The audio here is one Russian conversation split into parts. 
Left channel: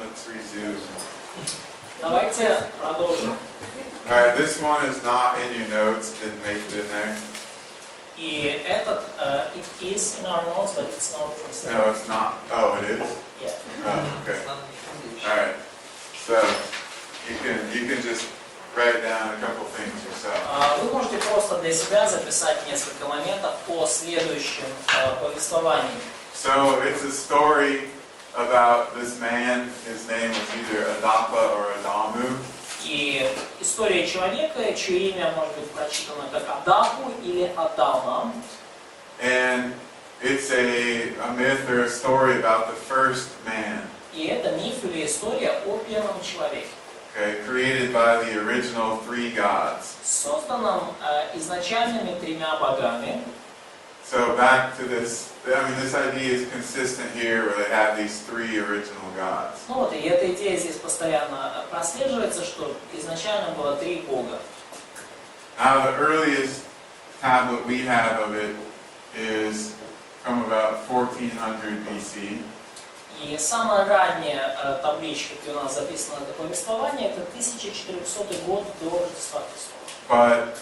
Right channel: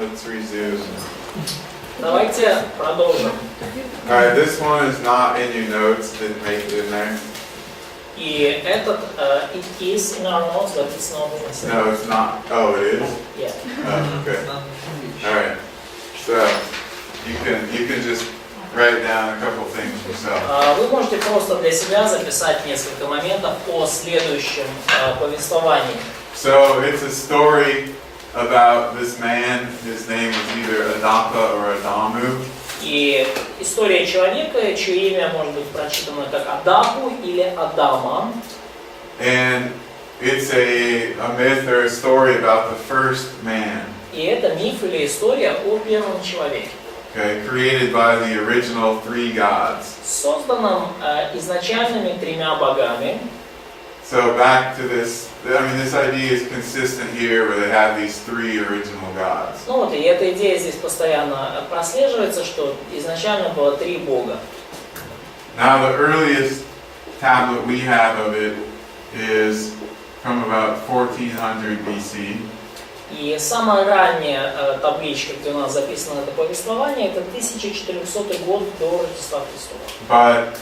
let's resume. Давайте продолжим. Alright, this one is not in your notes, didn't make it in there. И этот, it is in our notes, but it's not translated. No, it's not. Oh, it is? Yeah. Oh, okay. Alright. So, you can just write down a couple things yourself. Вы можете просто для себя записать несколько моментов о следующем повествовании. So, it's a story about this man. His name was either Adapa or Adamu. И история человека, чье имя может быть прочитано как Адапу или Адама. And it's a myth or a story about the first man. И это миф или история о первом человеке. Okay, created by the original three gods. Созданном изначальными тремя богами. So back to this, this idea is consistent here where they have these three original gods. Ну вот, и эта идея здесь постоянно прослеживается, что изначально было три бога. Now the earliest tablet we have of it is from about 1400 BC. И самая ранняя табличка, где у нас записано это повествование, это 1400 год до Рождества Христова. But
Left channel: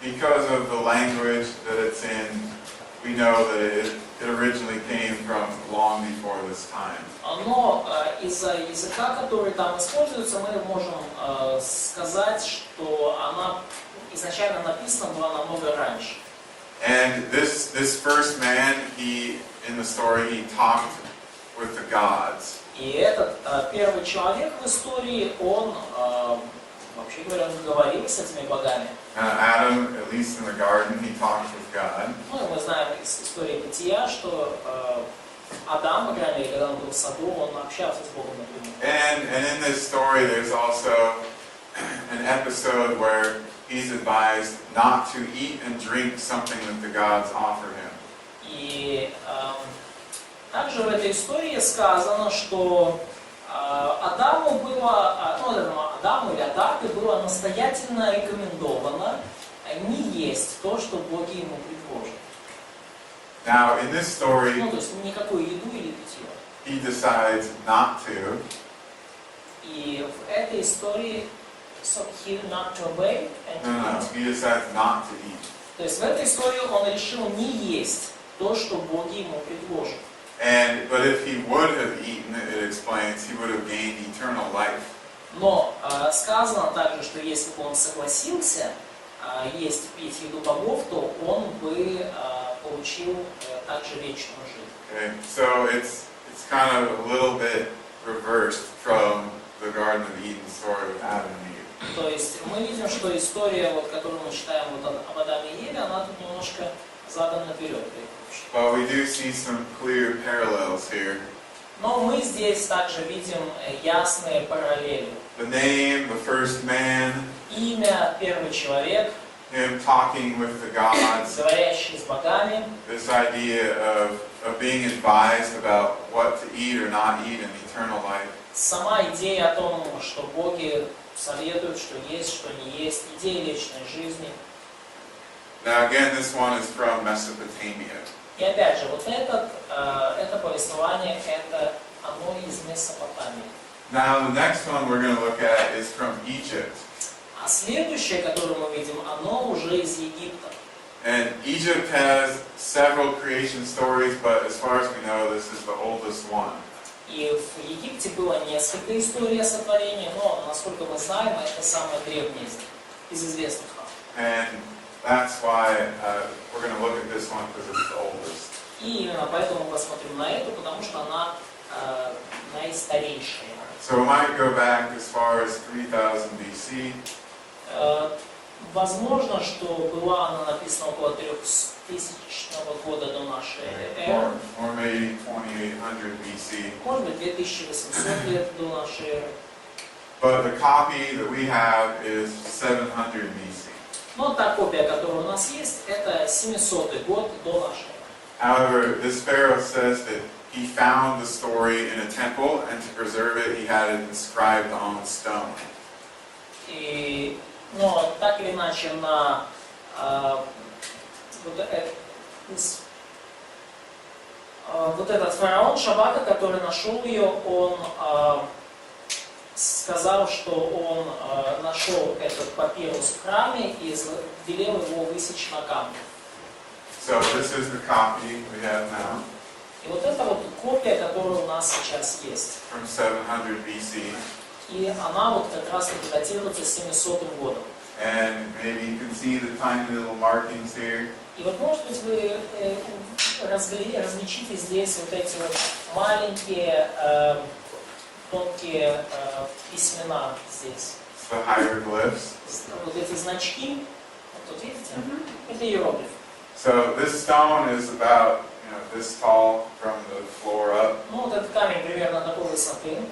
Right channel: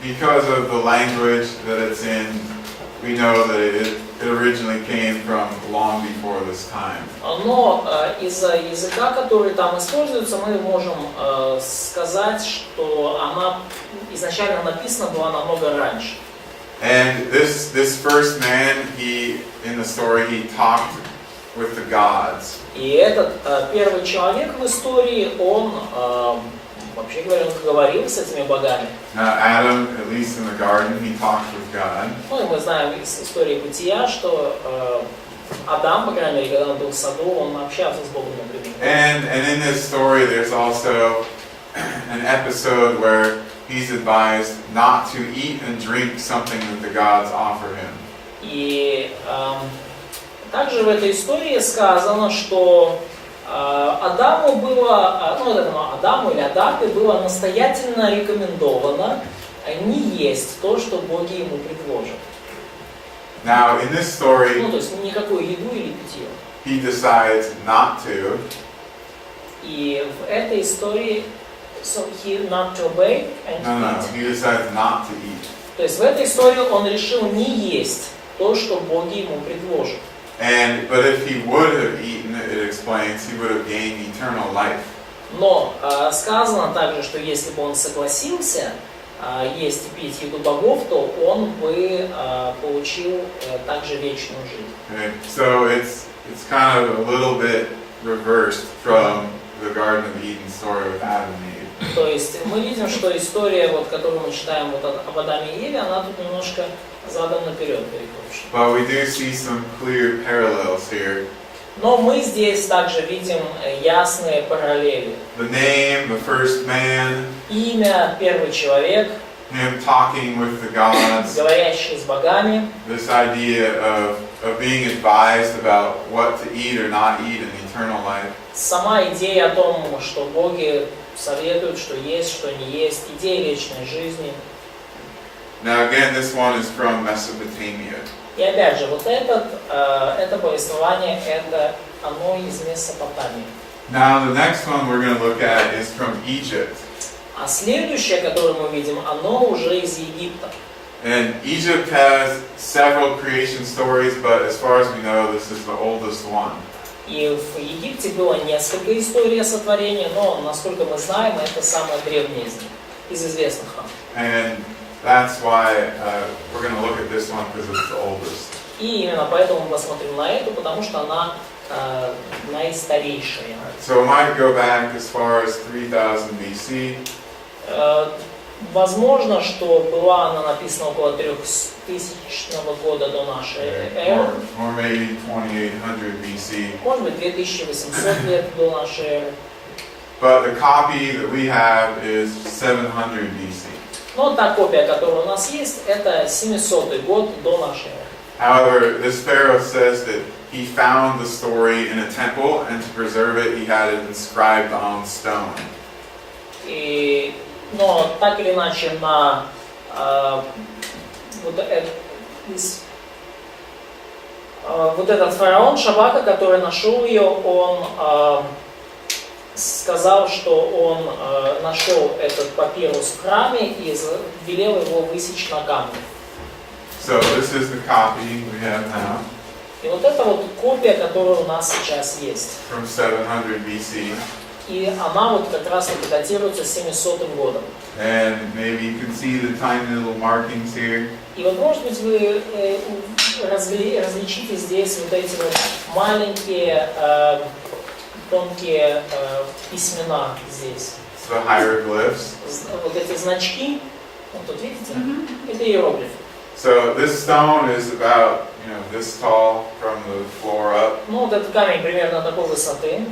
because of the language that it's in, we know that it originally came from long before this time. Но из-за языка, который там используется, мы можем сказать, что она изначально написана была намного раньше. And this first man, in the story, he talked with the gods. И этот первый человек в истории, он, вообще говоря, говорил с этими богами. Now Adam, at least in the garden, he talked with God. Ну и мы знаем из истории бытия, что Адам, по крайней мере, когда он был в саду, он общался с Богом. And in this story, there's also an episode where he's advised not to eat and drink something that the gods offer him. И также в этой истории сказано, что Адаму было, Адаму или Адапе было настоятельно рекомендовано не есть то, что боги ему предложат. Now, in this story, Ну, то есть никакую еду или питье. he decides not to. И в этой истории, so he not to obey and to No, eat. he decides not to eat. То есть в этой истории он решил не есть то, что боги ему предложат. But if he would have eaten, it explains, he would have gained eternal life. Но сказано также, что если бы он согласился есть и пить еду богов, то он бы получил также вечную жизнь. Okay? So it's kind of a little bit reversed from the Garden of Eden story with Adam and Eve. То есть мы видим, что история, вот, которую мы читаем об Адаме и Еве, она тут немножко задом наперед перекручена. But we do see some clear parallels here. Но мы здесь также видим ясные параллели. The name, the first man, Имя, первый человек, him talking with the gods, говорящий с богами, this idea of being advised about what to eat or not eat in eternal life. сама идея о том, что боги советуют, что есть, что не есть, идея вечной жизни. Now again, this one is from Mesopotamia. И опять же, вот это повествование, оно из Месопотамии. Now the next one we're going to look at is from Egypt. А следующее, которое мы видим, оно уже из Египта. And Egypt has several creation stories, but as far as we know, this is the oldest one. И в Египте было несколько историй о сотворении, но, насколько мы знаем, это самая древняя из них, из известных нам. And that's why we're going to look at this one because it's the oldest. И именно поэтому мы посмотрим на эту, потому что она наистарейшая. So it might go back as far as 3000 BC. Возможно, что была она написана около 3000 года до нашей эры. Or maybe 2800 BC. Может быть, 2800 лет до нашей эры. But the copy that we have is 700 BC. Но та копия, которая у нас есть, это 700 год до нашей эры. However, this Pharaoh says that he found the story in a temple, and to preserve it, he had it inscribed on stone. Но так или иначе вот этот фараон Шабака, который нашел ее, он сказал, что он нашел этот папирус в храме и велел его высечь на камне. So this is the copy we have now И вот это вот копия, которая у нас сейчас есть. from 700 BC. И она вот как раз таки датируется 700 годом. And maybe you can see the tiny little markings here. И вот, может быть, вы различите здесь вот эти вот маленькие тонкие письмена здесь. It's the hieroglyphs. Вот эти значки, вот тут видите, это иероглифы. So this stone is about, this tall from the floor up, Ну вот этот камень примерно такой высоты,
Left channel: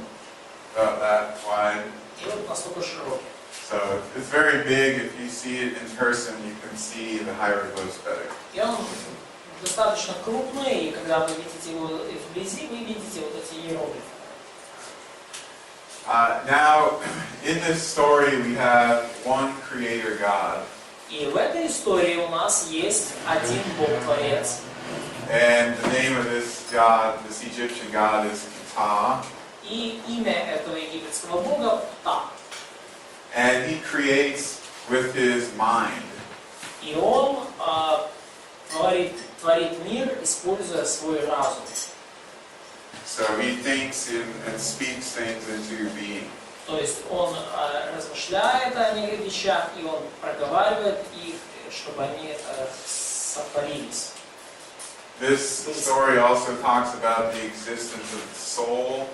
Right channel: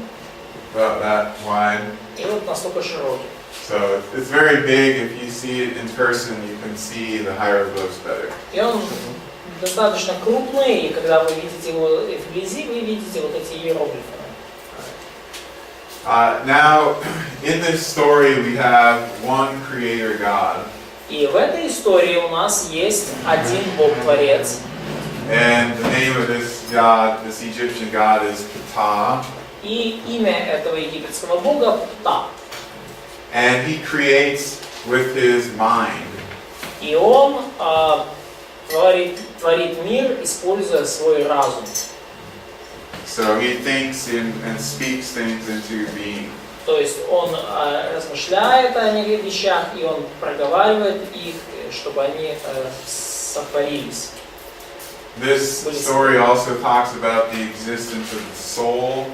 about that wide. и вот настолько широкий. So it's very big. If you see it in person, you can see the hieroglyphs better. И он достаточно крупный, и когда вы видите его вблизи, вы видите вот эти иероглифы. Now, in this story, we have one Creator God, И в этой истории у нас есть один Бог-творец. and the name of this God, this Egyptian God, is Ptah, И имя этого египетского бога Пта. and He creates with His mind. И он творит мир, используя свой разум. So He thinks and speaks things into being. То есть он размышляет о неких вещах, и он проговаривает их, чтобы они сотворились. This story also talks about the existence of the soul.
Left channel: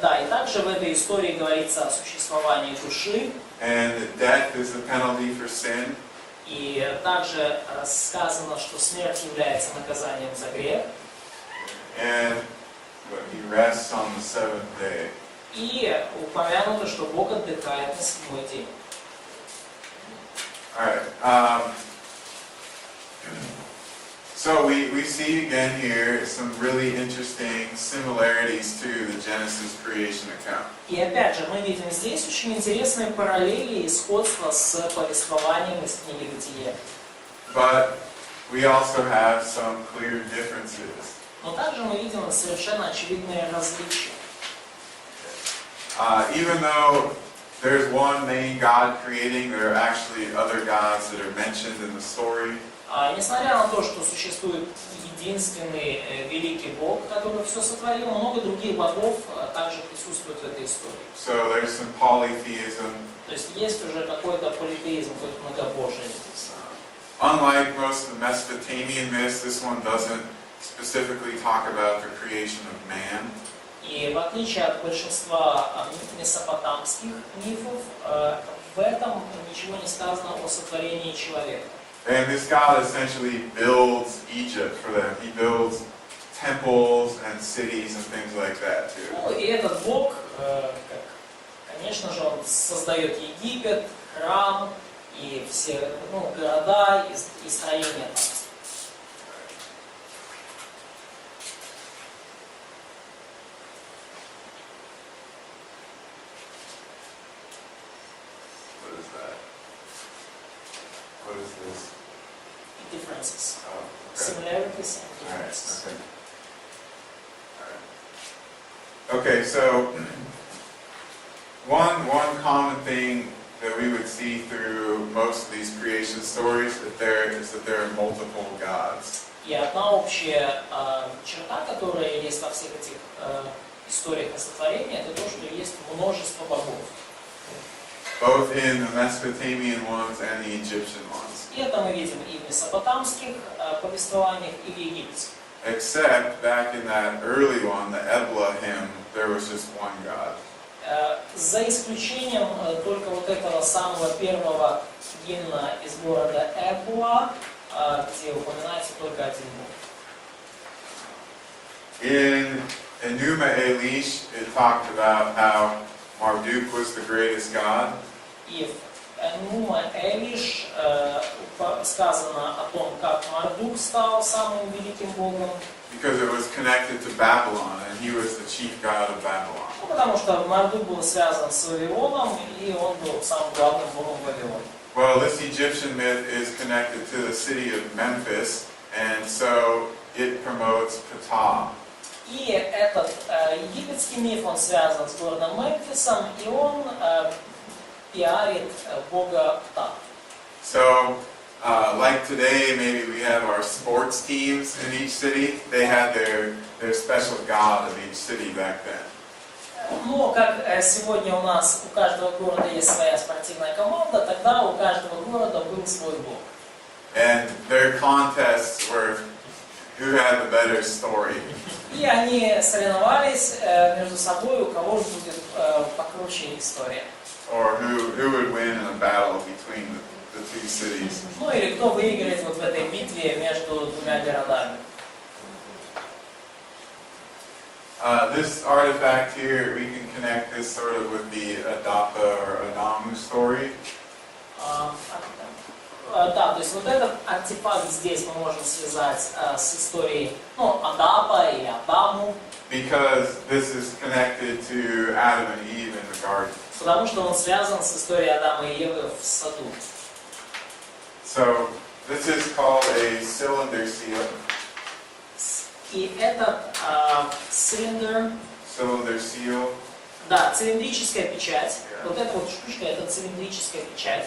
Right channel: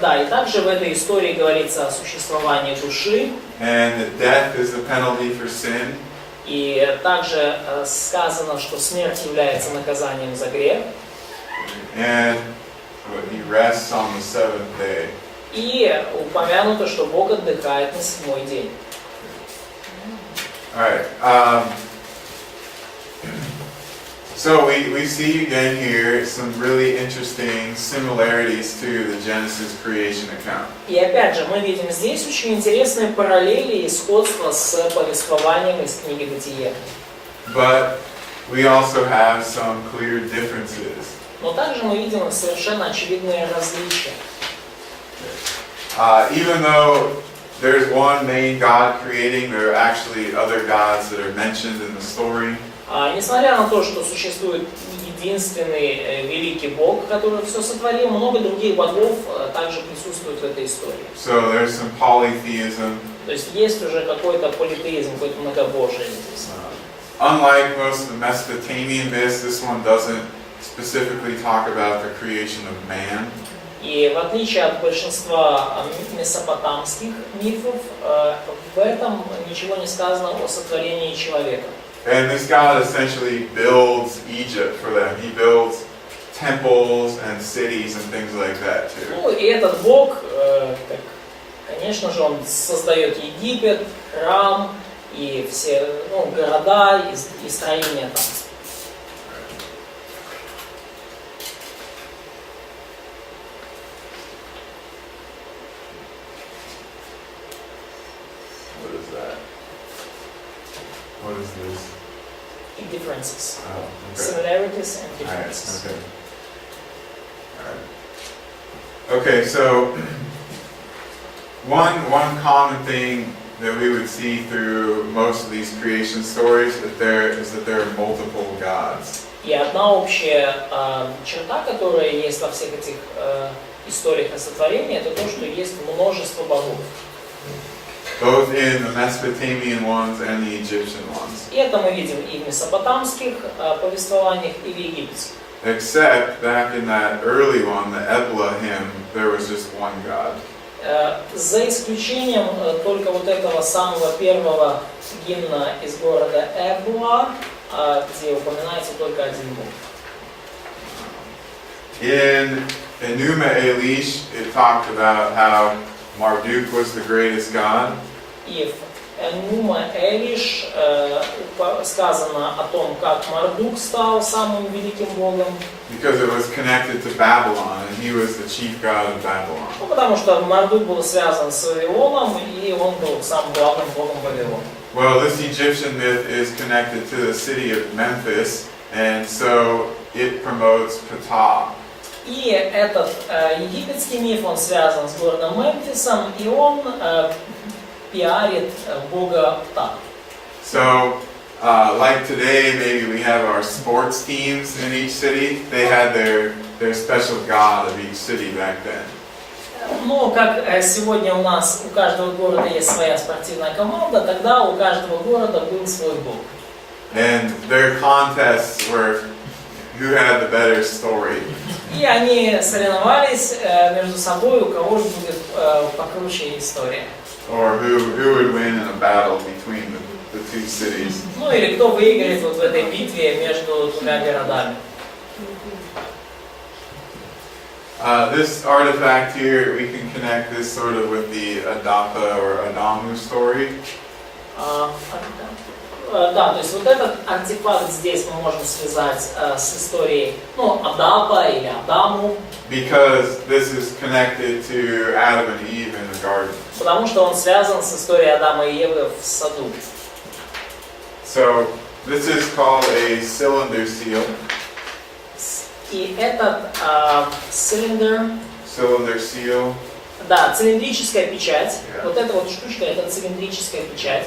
Да, и также в этой истории говорится о существовании души. And that death is the penalty for sin. И также сказано, что смерть является наказанием за грех. And He rests on the seventh day. И упомянуто, что Бог отдыхает на 7-й день. All right. So we see again here some really interesting similarities to the Genesis creation account. И опять же, мы видим здесь очень интересные параллели и сходства с повествованием из книги Бытие. But we also have some clear differences. Но также мы видим совершенно очевидные различия. Even though there's one main God creating, there are actually other gods that are mentioned in the story. Несмотря на то, что существует единственный великий Бог, который все сотворил, много других богов также присутствуют в этой истории. So there's some polytheism. То есть есть уже какой-то политеизм, какое-то многобожие здесь. Unlike most of the Mesopotamian myths, this one doesn't specifically talk about the creation of man. И в отличие от большинства месопотамских мифов, в этом ничего не сказано о сотворении человека. And this God essentially builds Egypt for them. He builds temples and cities and things like that too. Ну и этот Бог, конечно же, он создает Египет, храм и все города и строения там. What is that? What is this? Differences. Oh, okay. Similarities and All right, differences. okay. All right. Okay, so one common thing that we would see through most of these creation stories is that there are multiple gods. И одна общая черта, которая есть во всех этих историях о сотворении, это то, что есть множество богов. Both in the Mesopotamian ones and the Egyptian ones. И это мы видим и в месопотамских повествованиях, и в египетских. Except back in that early one, the Ebla hymn, there was just one God. За исключением только вот этого самого первого гимна из города Эбуа, где упоминается только один Бог. In Enuma Elish, it talked about how Marduk was the greatest god. И в Энума Элиш сказано о том, как Мардук стал самым великим богом. Because it was connected to Babylon, and he was the chief god of Babylon. Ну, потому что Мардук был связан с Вавилоном, и он был самым главным богом Вавилона. Well, this Egyptian myth is connected to the city of Memphis, and so it promotes Ptah. И этот египетский миф, он связан с городом Мемфисом, и он пиарит бога Пта. So, like today, maybe we have our sports teams in each city. They had their special god of each city back then. Ну, как сегодня у нас у каждого города есть своя спортивная команда, тогда у каждого города был свой бог. And their contests were who had the better story. И они соревновались между собой, у кого же будет покруче история. Or who would win in a battle between the two cities. Ну или кто выиграет вот в этой битве между двумя городами. This artifact here, we can connect this sort of with the Adapa or Adamu story. Да, то есть вот этот артефакт здесь мы можем связать с историей, ну, Адапа или Адаму. Because this is connected to Adam and Eve in the garden. Потому что он связан с историей Адама и Евы в саду. So this is called a cylinder seal. И этот cylinder, Seal. да, цилиндрическая печать. Yeah. Вот эта вот штучка, это цилиндрическая печать.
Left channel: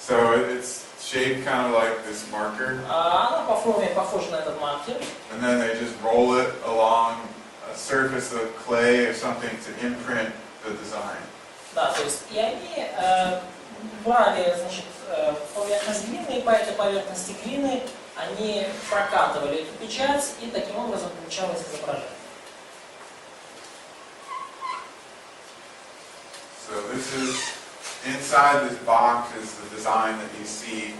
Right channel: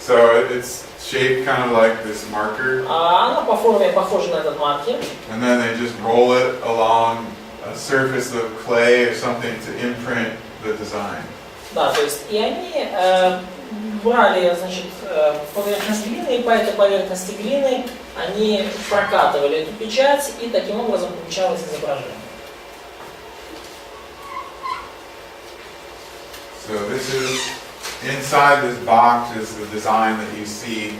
So it's shaped kind of like this marker. Она по форме похожа на этот маркер. And then they just roll it along a surface of clay or something to imprint the design. Да, то есть и они брали, значит, поверхность глины, и по этой поверхности глины они прокатывали эту печать, и таким образом получалось изображение. So this is inside this box is the design that you see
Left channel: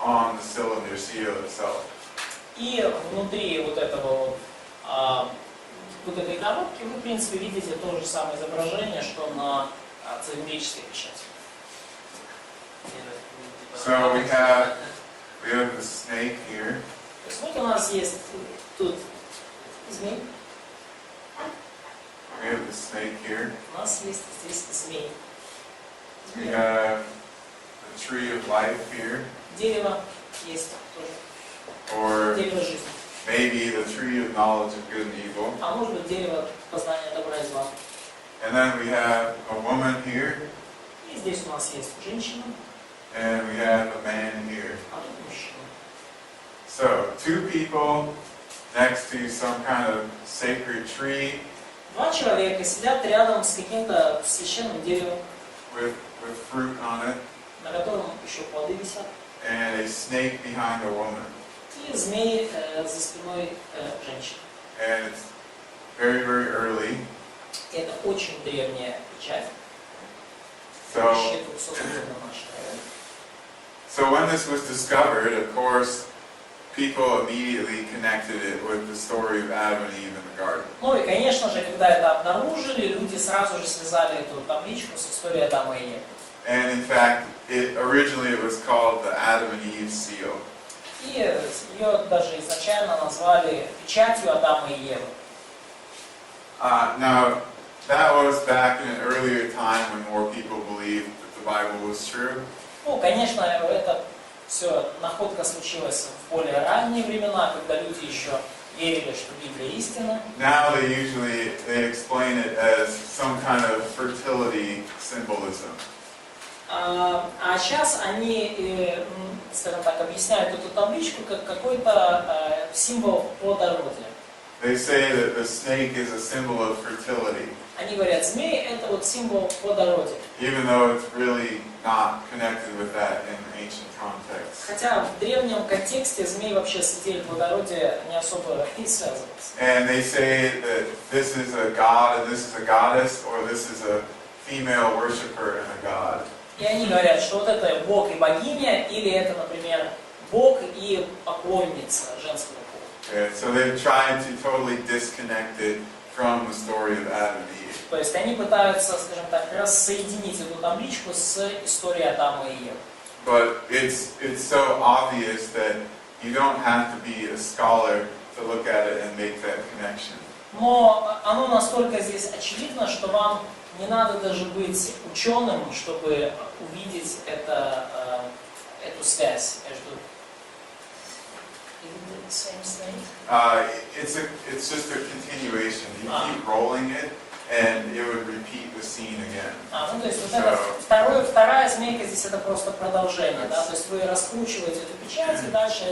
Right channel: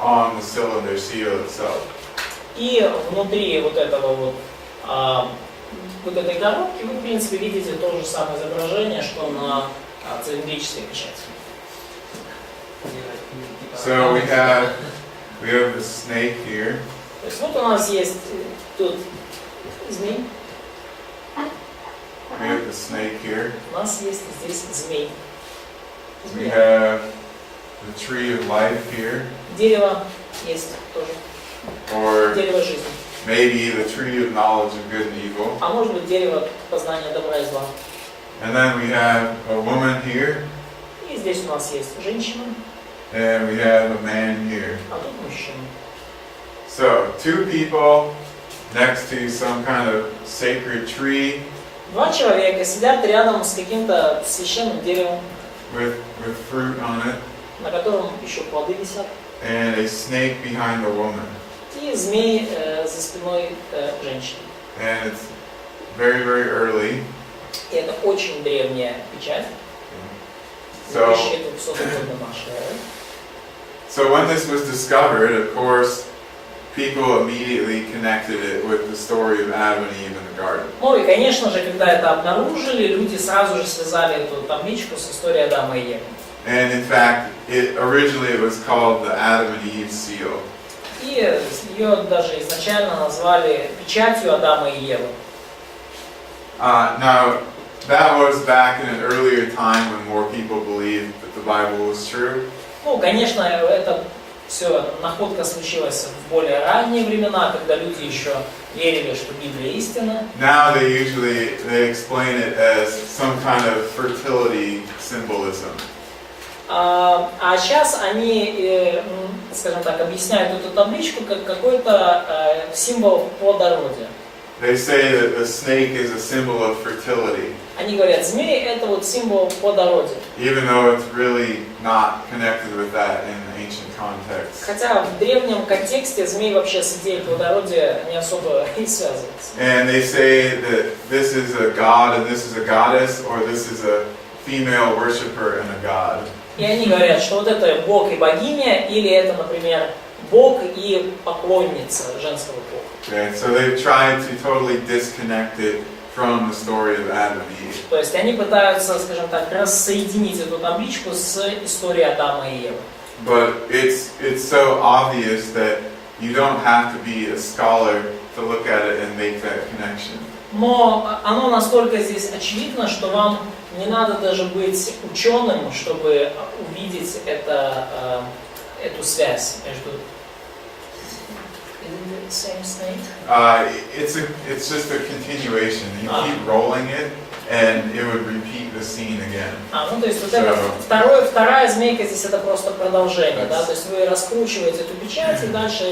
on the cylinder seal itself. И внутри вот этого вот, вот этой коробки вы, в принципе, видите то же самое изображение, что на цилиндрической печати. So we have the snake here. То есть вот у нас есть тут змей. We have the snake here. У нас есть здесь змей. We have the tree of life here. Дерево есть тоже. Or Дерево жизни. maybe the tree of knowledge of good and evil. А может быть дерево познания добра и зла. And then we have a woman here. И здесь у нас есть женщина, And we have a man here. а тут мужчина. So, two people next to some kind of sacred tree Два человека сидят рядом с каким-то священным деревом, with fruit on it, на котором еще плоды висят, and a snake behind the woman. и змей за спиной женщины. And it's very, very early. И это очень древняя печать. So, 2200 года нашей эры. so when this was discovered, of course, people immediately connected it with the story of Adam and Eve in the garden. Ну и, конечно же, когда это обнаружили, люди сразу же связали эту табличку с историей Адама и Евы. And in fact, originally it was called the Adam and Eve seal. И ее даже изначально назвали печатью Адама и Евы. Now, that was back in an earlier time when more people believed that the Bible was true. Ну, конечно, это все находка случилась в более ранние времена, когда люди еще верили, что Библия истина. Now they explain it as some kind of fertility symbolism. А сейчас они, скажем так, объясняют эту табличку как какой-то символ плодородия. They say that the snake is a symbol of fertility, Они говорят, змей это вот символ плодородия. even though it's really not connected with that in the ancient context. Хотя в древнем контексте змей вообще с идеей плодородия не особо и связывается. And they say that this is a god and this is a goddess, or this is a female worshiper and a god. И они говорят, что вот это бог и богиня, или это, например, бог и поклонница женского пола. Okay, so they've tried to totally disconnect it from the story of Adam and Eve. То есть они пытаются, скажем так, рассоединить эту табличку с историей Адама и Евы. But it's so obvious that you don't have to be a scholar to look at it and make that connection. Но оно настолько здесь очевидно, что вам не надо даже быть ученым, чтобы увидеть эту связь между Isn't it the same snake? It's just a continuation. You keep rolling it, and it would repeat the scene again. Ну то есть вот это вторая змейка здесь это просто продолжение, да, то есть вы раскручиваете эту печать и дальше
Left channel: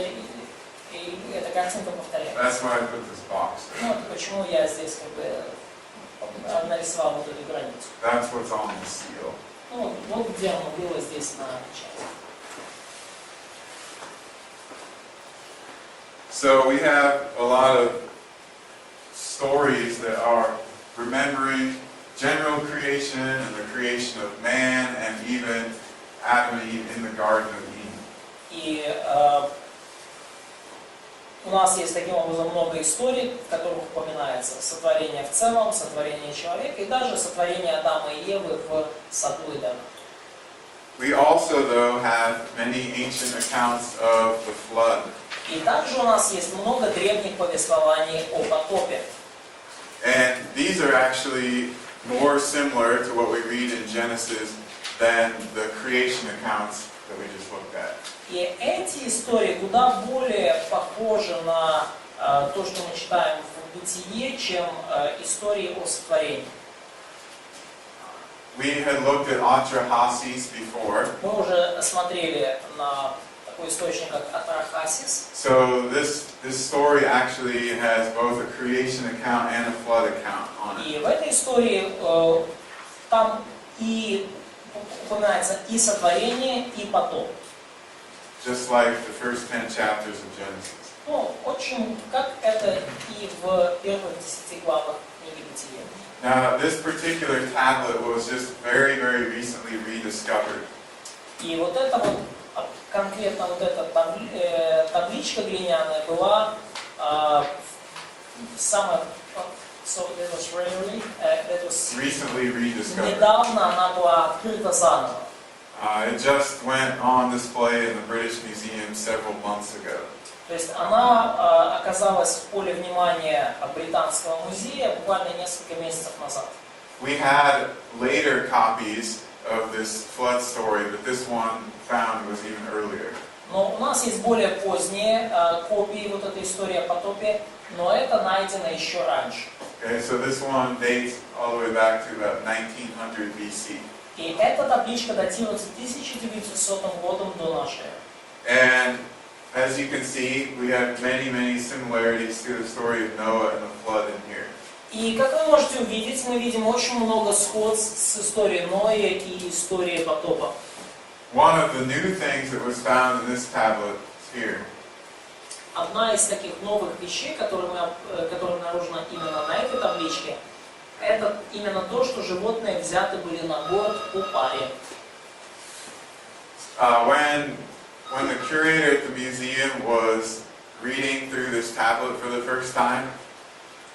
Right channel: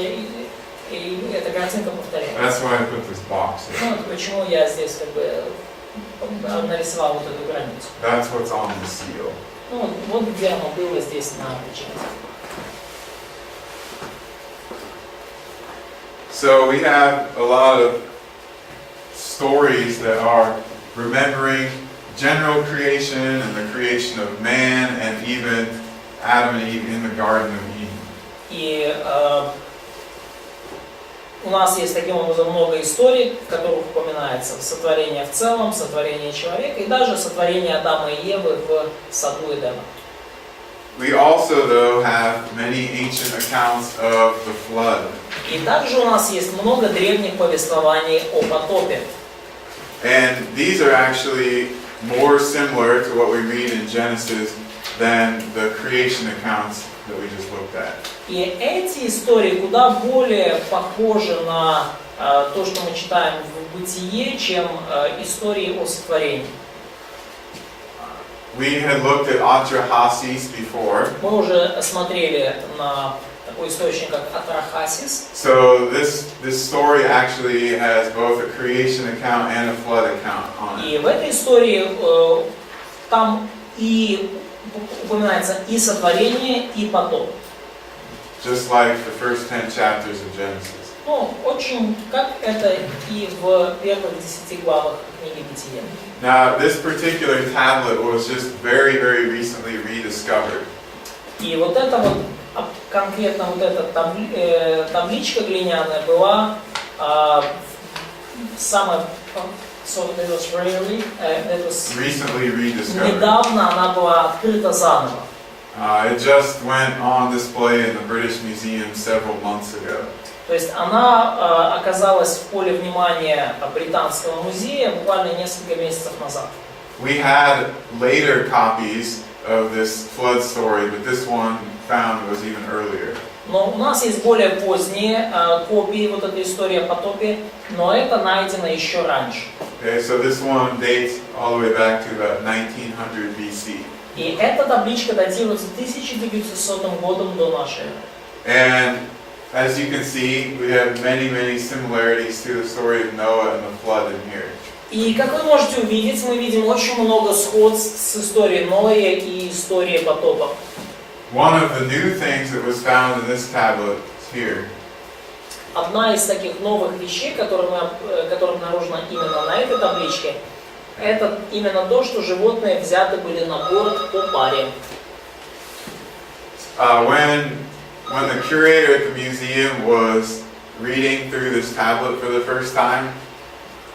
и эта картинка повторяется. That's why I put this box here. Ну почему я здесь как бы нарисовал вот эту границу. That's what's on the seal. Ну вот где оно было здесь на печати. So we have a lot of stories that are remembering general creation and the creation of man and even Adam and Eve in the Garden of Eden. И у нас есть таким образом много историй, в которых упоминается сотворение в целом, сотворение человека и даже сотворение Адама и Евы в саду Эдема. We also, though, have many ancient accounts of the flood. И также у нас есть много древних повествований о потопе. And these are actually more similar to what we read in Genesis than the creation accounts that we just looked at. И эти истории куда более похожи на то, что мы читаем в Бытие, чем истории о сотворении. We had looked at Atrahasis before. Мы уже смотрели на такой источник, как Атрахасис. So this story actually has both a creation account and a flood account on it. И в этой истории там и упоминается и сотворение, и потоп. Just like the first 10 chapters of Genesis. Ну, очень, как это и в первых 10 главах книги Бытия. Now, this particular tablet was just very, very recently rediscovered. И вот это вот, конкретно вот эта табличка глиняная была самая, Recently rediscovered. недавно она была открыта заново. It just went on display in the British Museum several months ago. То есть она оказалась в поле внимания Британского музея буквально несколько месяцев назад. We had later copies of this flood story, but this one found was even earlier. Но у нас есть более поздние копии вот этой истории о потопе, но это найдено еще раньше. Okay, so this one dates all the way back to about 1900 BC. И эта табличка датируется 1900 годом до нашей эры. And as you can see, we have many, many similarities to the story of Noah and the flood in here. И как вы можете увидеть, мы видим очень много сходств с историей Ноя и историей потопа. One of the new things that was found in this tablet is here. Одна из таких новых вещей, которая обнаружена именно на этой табличке, это именно то, что животные взяты были на борт по паре. When the curator at the museum was reading through this tablet for the first time,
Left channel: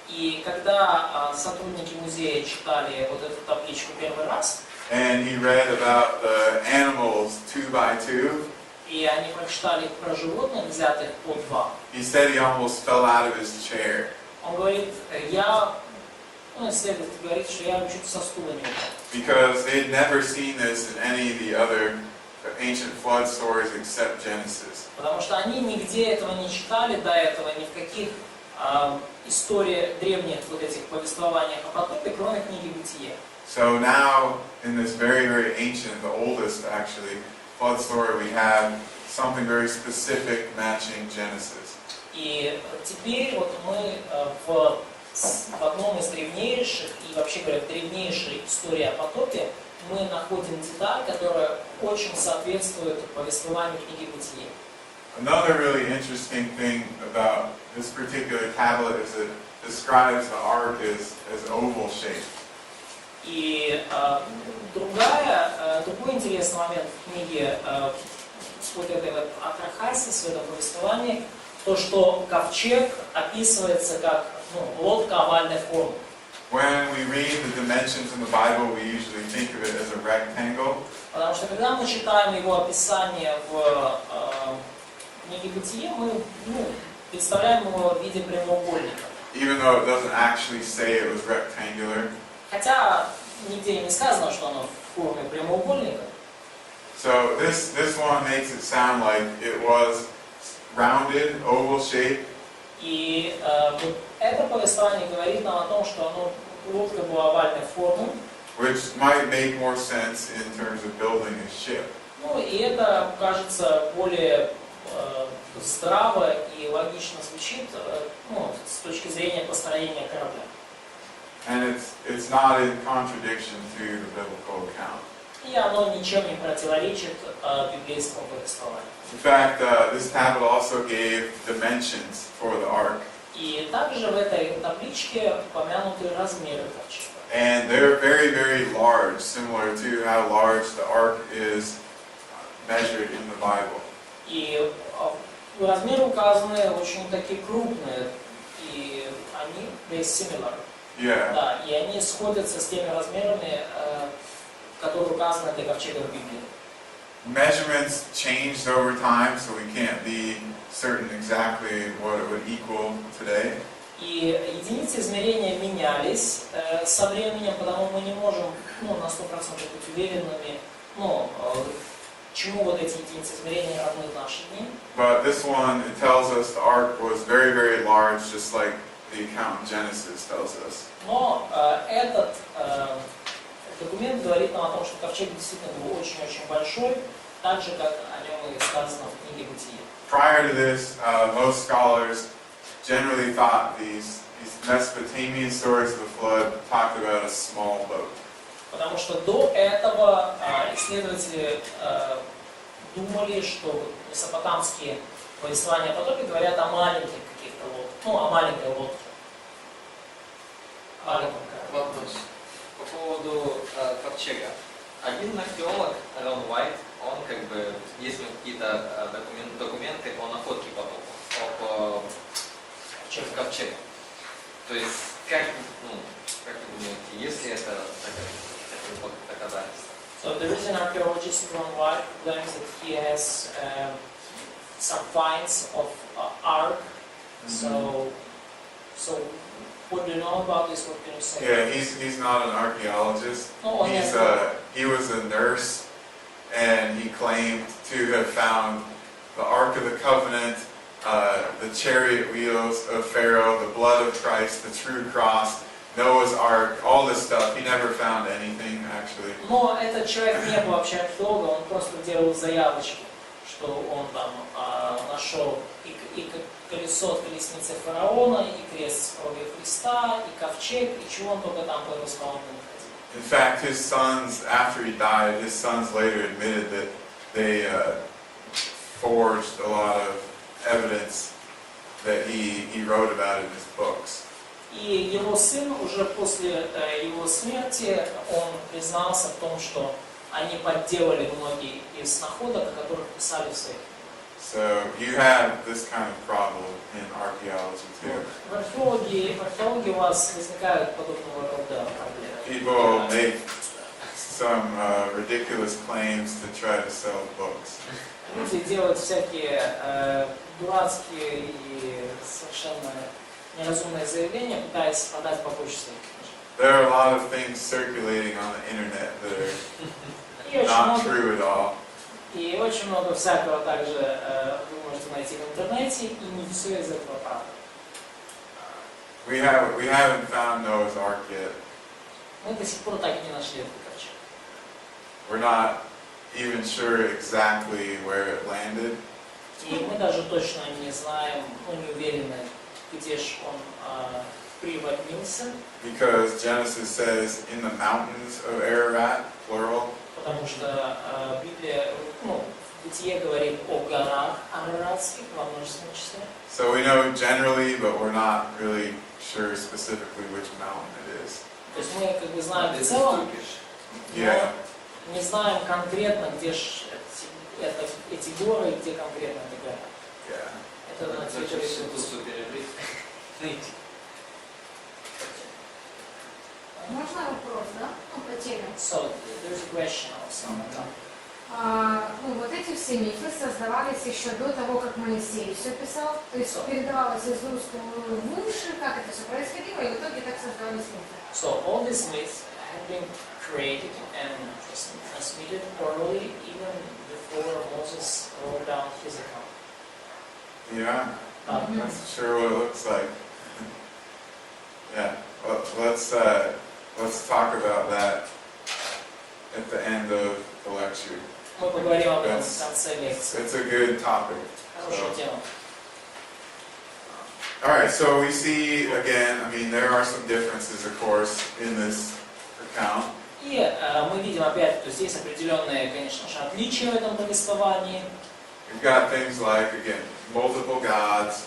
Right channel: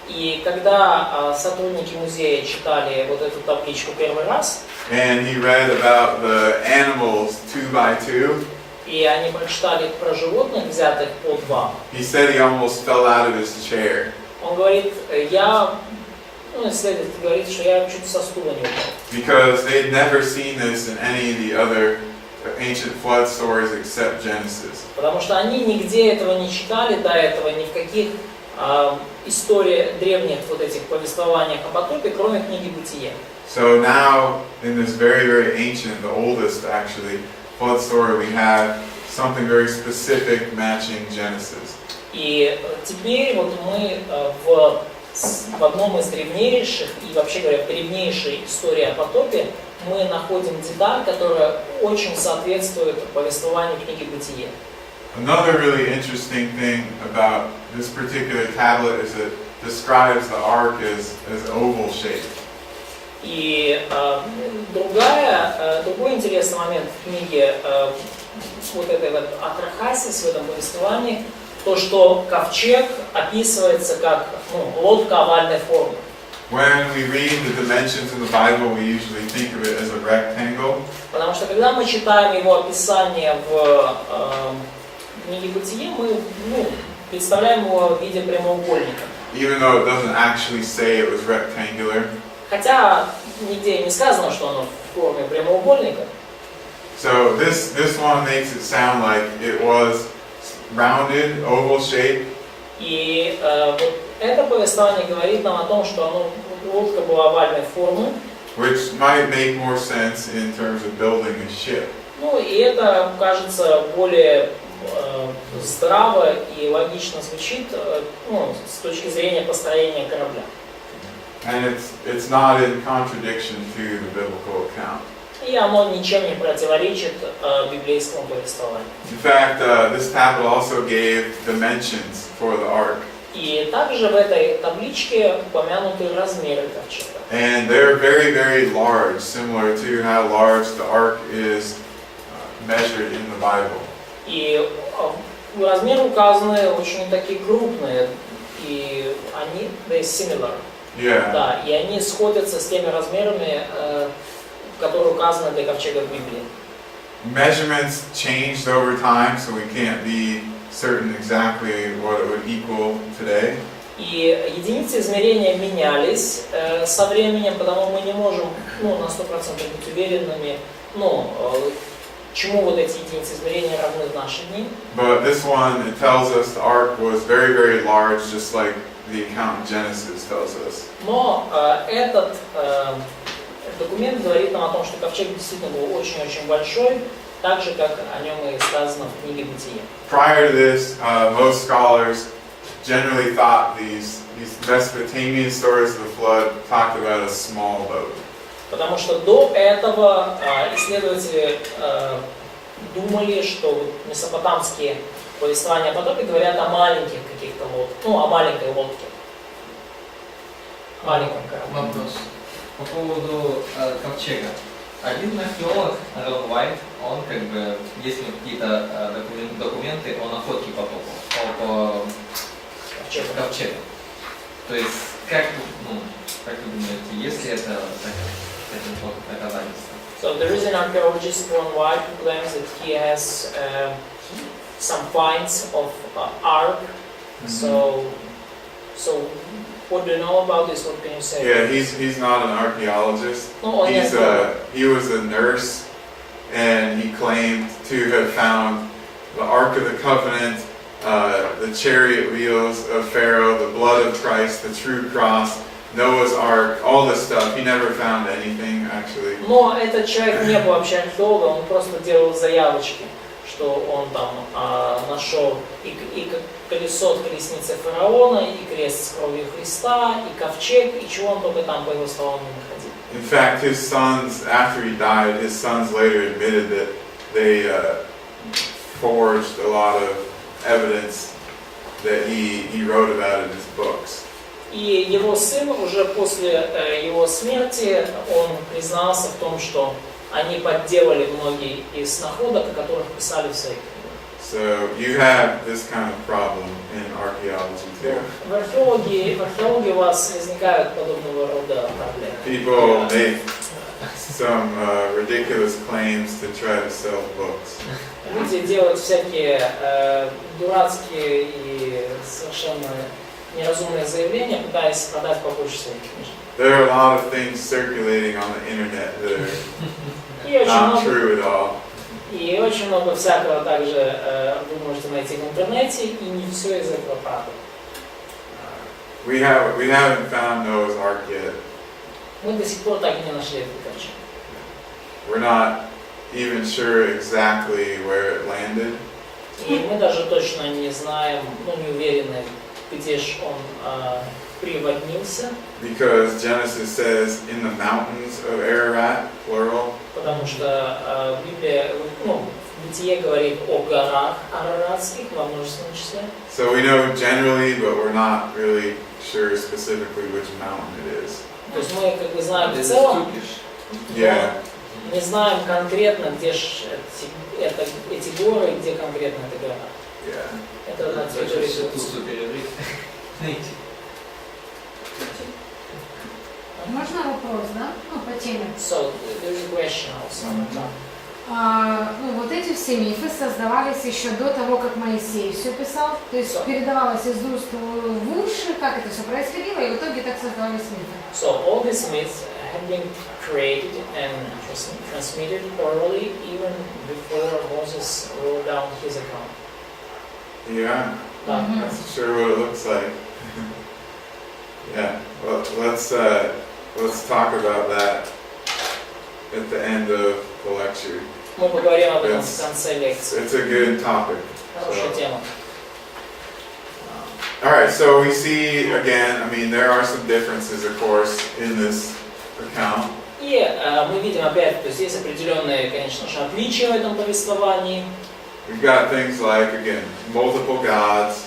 И когда сотрудники музея читали вот эту табличку первый раз, and he read about the animals 2 by 2, и они прочитали про животных, взятых по два, he said he almost fell out of his chair. он говорит, исследователь говорит, что я чуть со стула не упал. Because they'd never seen this in any of the other ancient flood stories except Genesis. Потому что они нигде этого не читали до этого, ни в каких историях, древних вот этих повествованиях о потопе, кроме книги Бытия. So now, in this very, very ancient, the oldest actually, flood story, we have something very specific matching Genesis. И теперь вот мы в одном из древнейших, и вообще говоря, в древнейшей истории о потопе, мы находим деталь, которая очень соответствует повествованию книги Бытия. Another really interesting thing about this particular tablet is it describes the ark as oval shaped. И другой интересный момент в книге вот этой вот Атрахасис, в этом повествовании, то, что ковчег описывается как лодка овальной формы. When we read the dimensions in the Bible, we usually think of it as a rectangle. Потому что когда мы читаем его описание в книге Бытие, мы представляем его в виде прямоугольника. Even though it doesn't actually say it was rectangular. Хотя нигде не сказано, что оно в форме прямоугольника. So this one makes it sound like it was rounded, oval shape. И вот это повествование говорит нам о том, что лодка была овальной формы. Which might make more sense in terms of building a ship. Ну и это, кажется, более здраво и логично звучит, с точки зрения построения корабля. And it's not in contradiction to the biblical account. И оно ничем не противоречит библейскому повествованию. In fact, this tablet also gave dimensions for the ark. И также в этой табличке упомянуты размеры ковчега. And they're very, very large, similar to how large the ark is measured in the Bible. И размеры указаны очень такие крупные, и они, they similar. Yeah. Да, и они сходятся с теми размерами, которые указаны для ковчега в Библии. Measurements changed over time, so we can't be certain exactly what it would equal today. И единицы измерения менялись со временем, потому мы не можем на 100% быть уверенными, чему вот эти единицы измерения равны в наши дни. But this one, it tells us the ark was very, very large, just like the account in Genesis tells us. Но этот документ говорит нам о том, что ковчег действительно был очень-очень большой, так же, как о нем и сказано в книге Бытия. Prior to this, most scholars generally thought these Mesopotamian stories of the flood talked about a small boat. Потому что до этого исследователи думали, что месопотамские повествования о потопе говорят о маленьких каких-то лодках, о маленькой лодке, маленьком корабле. Вопрос. По поводу ковчега. Один археолог, Рон Уайт, он есть у него какие-то документы о находке потопа, по ковчегу. То есть, как вы думаете, есть ли это доказательство? So there is an archaeologist, Ron White, who claims that he has some finds of ark. So what do you know about this? What can you say? Yeah, he's not an archaeologist. No, He was a nurse, and he claimed to have found the Ark of the Covenant, the chariot wheels of Pharaoh, the blood of Christ, the true cross, Noah's Ark, all this stuff. He never found anything actually. Но этот человек не был вообще археологом, он просто делал заявочки, что он там нашел и колесо от колесницы фараона, и крест с кровью Христа, и ковчег, и чего он только там, по его словам, не находил. In fact, his sons, after he died, his sons later admitted that they forged a lot of evidence that he wrote about in his books. И его сын уже после его смерти, он признался в том, что они подделали многие из находок, о которых писали в своих книгах. So you have this kind of problem in archaeology too. В археологии у вас возникают подобного рода проблемы. People make some ridiculous claims to try to sell books. Люди делают всякие дурацкие и совершенно неразумные заявления, пытаясь продать побольше своих книжек. There are a lot of things circulating on the internet that are not true at all. И очень много всякого также вы можете найти в интернете, и не все из этого правда. We haven't found Noah's Ark yet. Мы до сих пор так и не нашли этот ковчег. We're not even sure exactly where it landed. И мы даже точно не знаем, не уверены, где же он приводнился. Because Genesis says in the mountains of Ararat, plural. Потому что Библия, в Бытие говорит о горах араратских во множественном числе. So we know generally, but we're not really sure specifically which mountain it is. То есть мы как бы знаем в целом, Yeah. но не знаем конкретно, где же эти горы, где конкретно эта гора. Yeah. Это на территории Можно вопрос, да? По теме. So, there's a question also. Вот эти все мифы создавались еще до того, как Моисей все писал, то есть передавалось из уст в уши, как это все происходило, и в итоге так создавались мифы. So all these myths have been created and transmitted orally even before Moses wrote down his account. Yeah, Да. that's sure what it looks like. Yeah, well, let's talk about that at the end of the lecture. Мы поговорим об этом в конце лекции. It's a good topic. Хорошая тема. All right, so we see again, I mean, there are some differences, of course, in this account. И мы видим опять, то есть есть определенные, конечно же, отличия в этом повествовании. We've got things like, again, multiple gods.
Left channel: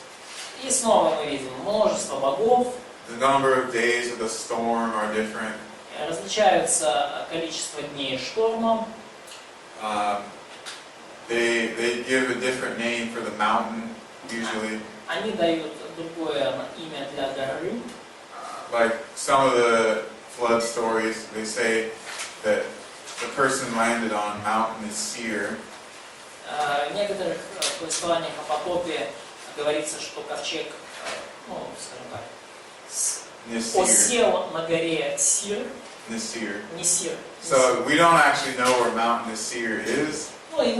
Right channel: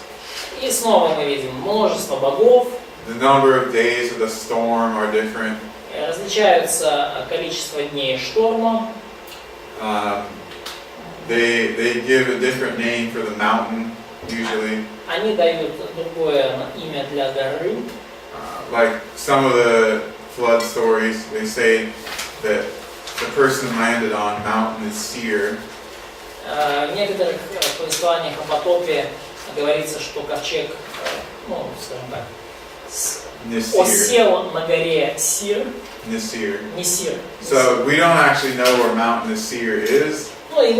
И снова мы видим множество богов. The number of days of the storm are different. Различаются количество дней шторма. They give a different name for the mountain, usually. Они дают другое имя для горы. Like some of the flood stories, they say that the person landed on Mount Seir. В некоторых повествованиях о потопе говорится, что ковчег, ну, скажем так, осел на горе Сир. Nisir. Нисир. So we don't actually know where Mount Nisir is. Ну и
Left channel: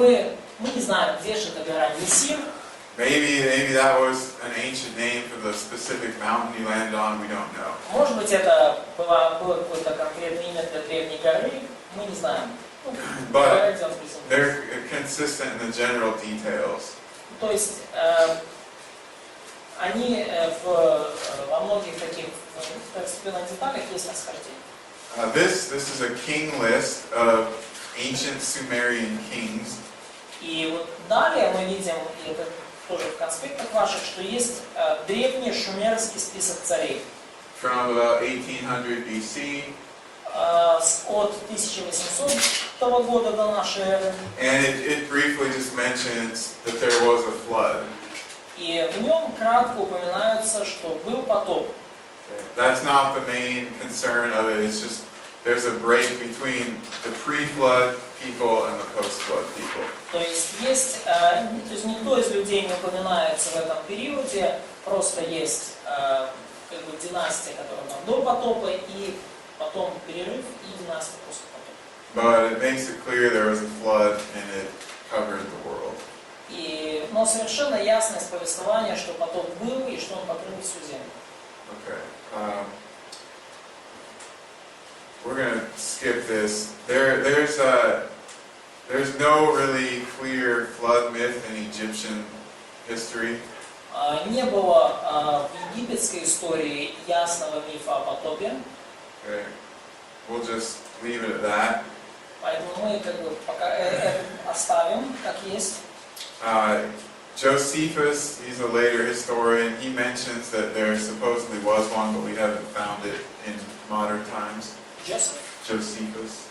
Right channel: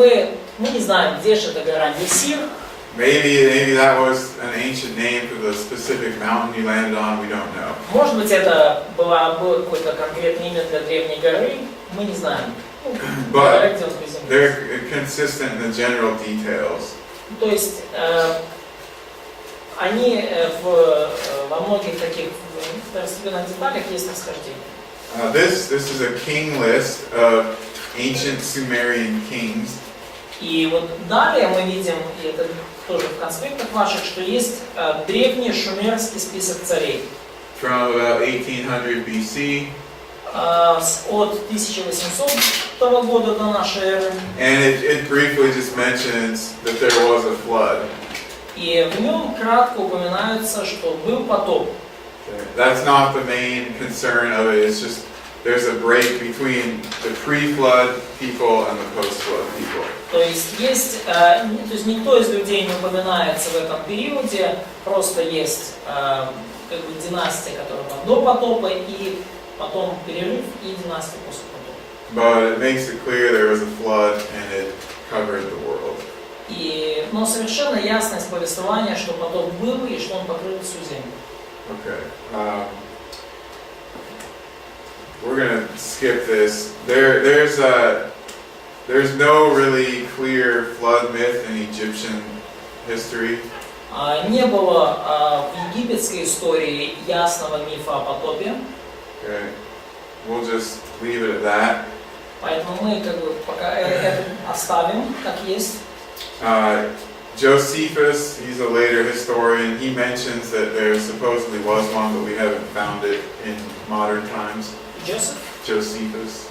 мы не знаем, где же эта гора Нисир. Maybe that was an ancient name for the specific mountain he landed on. We don't know. Может быть, это было какое-то конкретное имя для древней горы. Мы не знаем. Ну, But где он приземлился. they're consistent in the general details. То есть они во многих таких второстепенных деталях есть расхождение. This is a king list of ancient Sumerian kings. И вот далее мы видим, и это тоже в конспектах ваших, что есть древний шумерский список царей. From about 1800 BC. От 1800 года до нашей эры. And it briefly just mentions that there was a flood. И в нем кратко упоминается, что был потоп. That's not the main concern of it. It's just there's a break between the pre-flood people and the post-flood people. То есть никто из людей не упоминается в этом периоде, просто есть как бы династия, которая там до потопа, и потом перерыв, и династия после потопа. But it makes it clear there was a flood and it covered the world. Но совершенно ясность повествования, что потоп был и что он покрыл всю землю. Okay. We're going to skip this. There's no really clear flood myth in Egyptian history. Не было в египетской истории ясного мифа о потопе. Okay. We'll just leave it at that. Поэтому мы как бы пока это оставим как есть. Josephus, he's a later historian, he mentions that there supposedly was one, but we haven't found it in modern times. Josephus.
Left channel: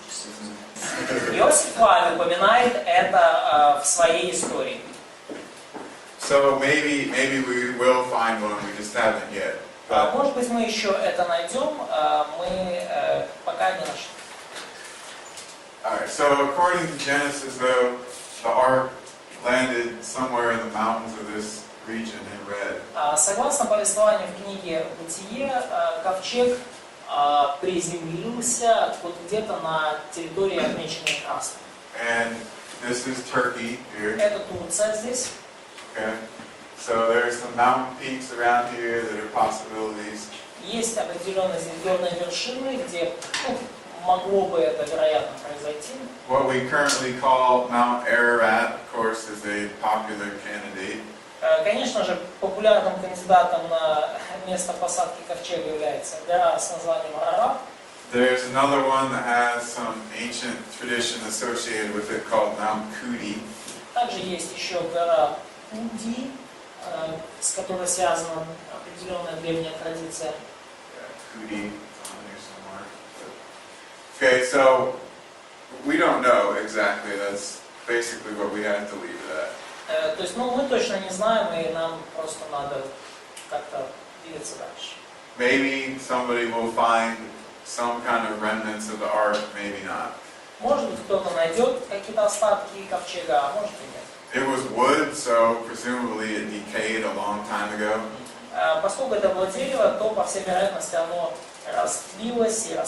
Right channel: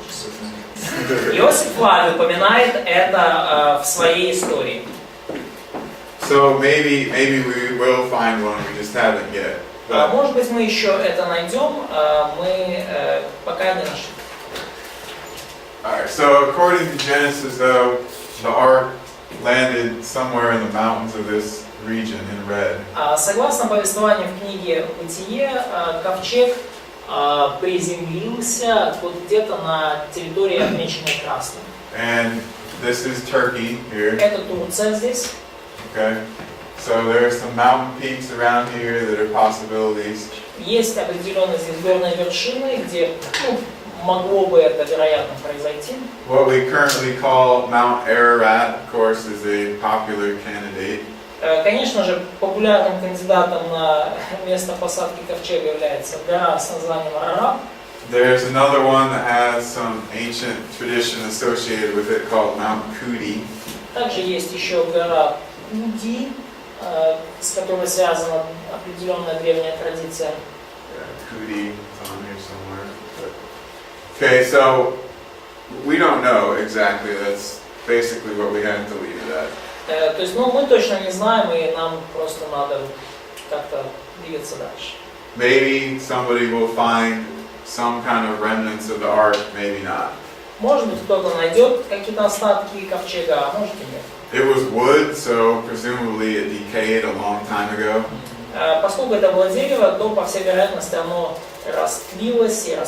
Иосиф Флавий упоминает это в своей истории. So maybe we will find one, we just haven't yet. But Может быть, мы еще это найдем, мы пока не нашли. alright, so according to Genesis though, the ark landed somewhere in the mountains of this region in red. Согласно повествованию в книге «Бытие», ковчег приземлился вот где-то на территории, отмеченной красным. And this is Turkey here. Это Турция здесь. Okay. So there are some mountain peaks around here that are possibilities. Есть определенные здесь горные вершины, где могло бы это, вероятно, произойти. What we currently call Mount Ararat, of course, is a popular candidate. Конечно же, популярным кандидатом на место посадки ковчега является гора с названием Арарат. There's another one that has some ancient tradition associated with it called Mount Kudi. Также есть еще гора Уди, с которой связана определенная древняя традиция. Kudi on here somewhere. Okay, so we don't know exactly. That's basically what we have to leave it at. То есть, мы точно не знаем, и нам просто надо как-то двигаться дальше. Maybe somebody will find some kind of remnants of the ark, maybe not. Может быть, кто-то найдет какие-то остатки ковчега, а может и нет. It was wood, so presumably it decayed a long time ago. Поскольку это было дерево, то, по всей вероятности, оно растлилось и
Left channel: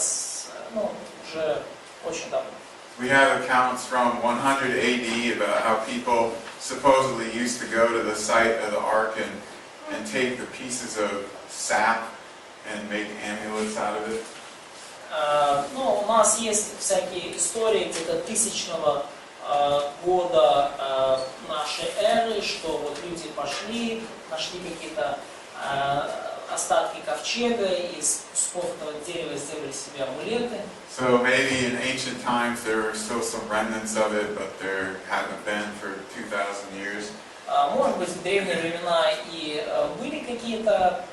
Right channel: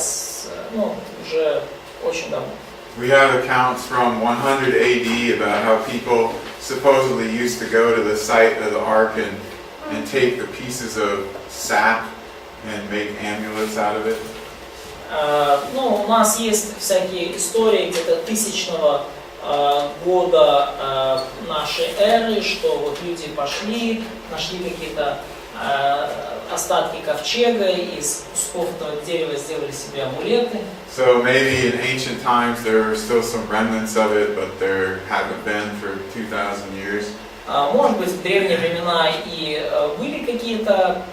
уже очень давно. We have accounts from 100 AD about how people supposedly used to go to the site of the ark and take the pieces of sap and make amulets out of it. Ну, у нас есть всякие истории где-то 1000-го года нашей эры, что вот люди пошли, нашли какие-то остатки ковчега, и из кусков этого дерева сделали себе амулеты. So maybe in ancient times there were still some remnants of it, but there haven't been for 2,000 years. Может быть, в древние времена и были какие-то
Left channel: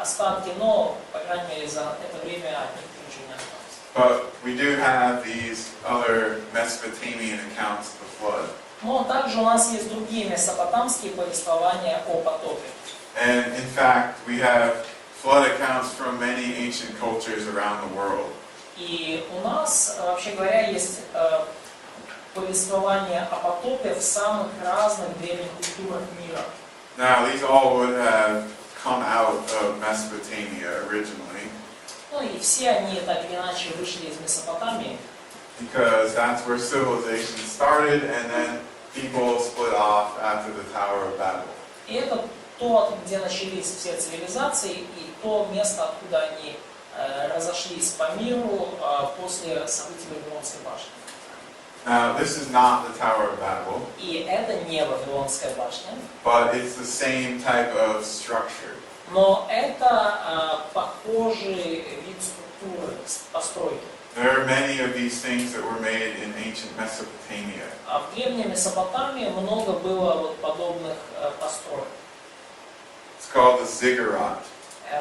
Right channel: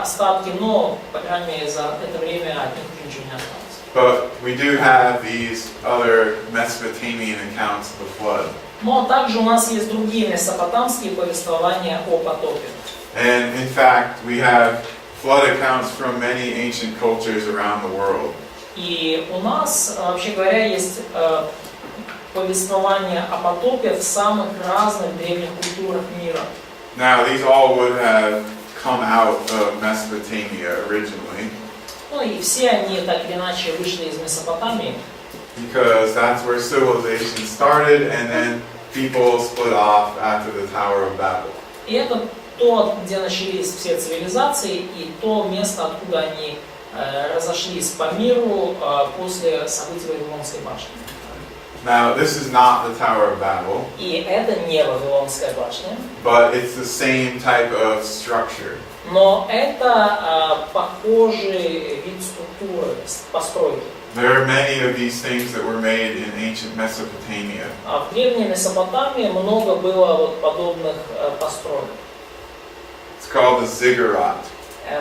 остатки, но, по крайней мере, за это время от них уже ничего не осталось. But we do have these other Mesopotamian accounts of the flood. Но также у нас есть другие месопотамские повествования о потопе. And in fact, we have flood accounts from many ancient cultures around the world. И у нас, вообще говоря, есть повествование о потопе в самых разных древних культурах мира. Now, these all would have come out of Mesopotamia originally, Ну и все они так или иначе вышли из Месопотамии, because that's where civilization started, and then people split off after the Tower of Babel. и это то, где начались все цивилизации, и то место, откуда они разошлись по миру после событий Вавилонской башни. Now, this is not the Tower of Babel, И это не Вавилонская башня, but it's the same type of structure. но это похожий вид структуры, постройки. There are many of these things that were made in ancient Mesopotamia. В древней Месопотамии много было вот подобных построек. It's called the ziggurat.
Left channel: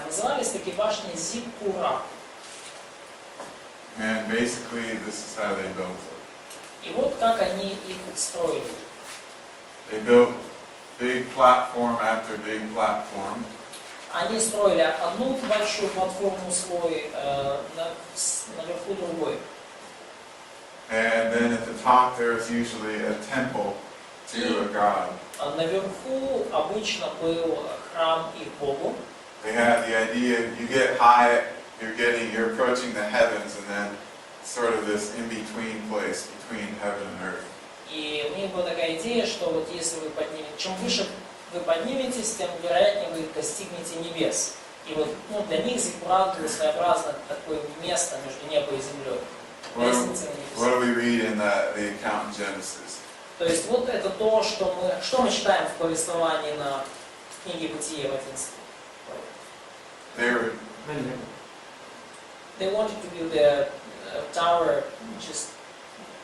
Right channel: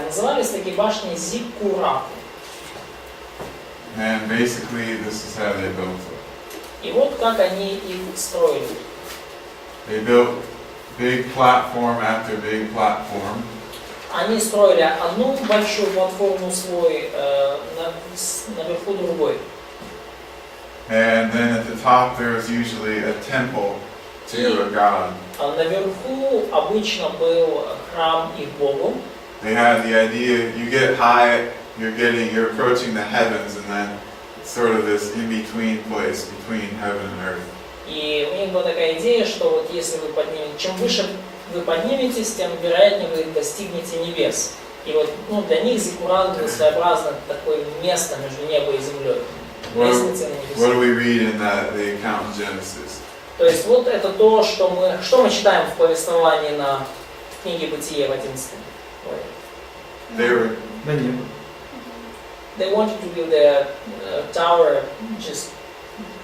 Назывались такие башни зиккураты. And basically, this is how they built it. И вот как они их строили. They built big platform after big platform. Они строили одну большую платформу свой, наверху другой. And then at the top there was usually a temple to a god. Наверху обычно был храм их Богу. They had the idea, you get high, you're approaching the heavens, and then it's sort of this in-between place between heaven and earth. И у них была такая идея, что вот если вы чем выше вы подниметесь, тем вероятнее вы достигнете небес. И вот для них зиккурат был своеобразно такое место между небом и землей. What do we read in the account in Genesis? То есть вот это то, что мы читаем в повествовании на книге Бытие в 11. They wanted to build a tower just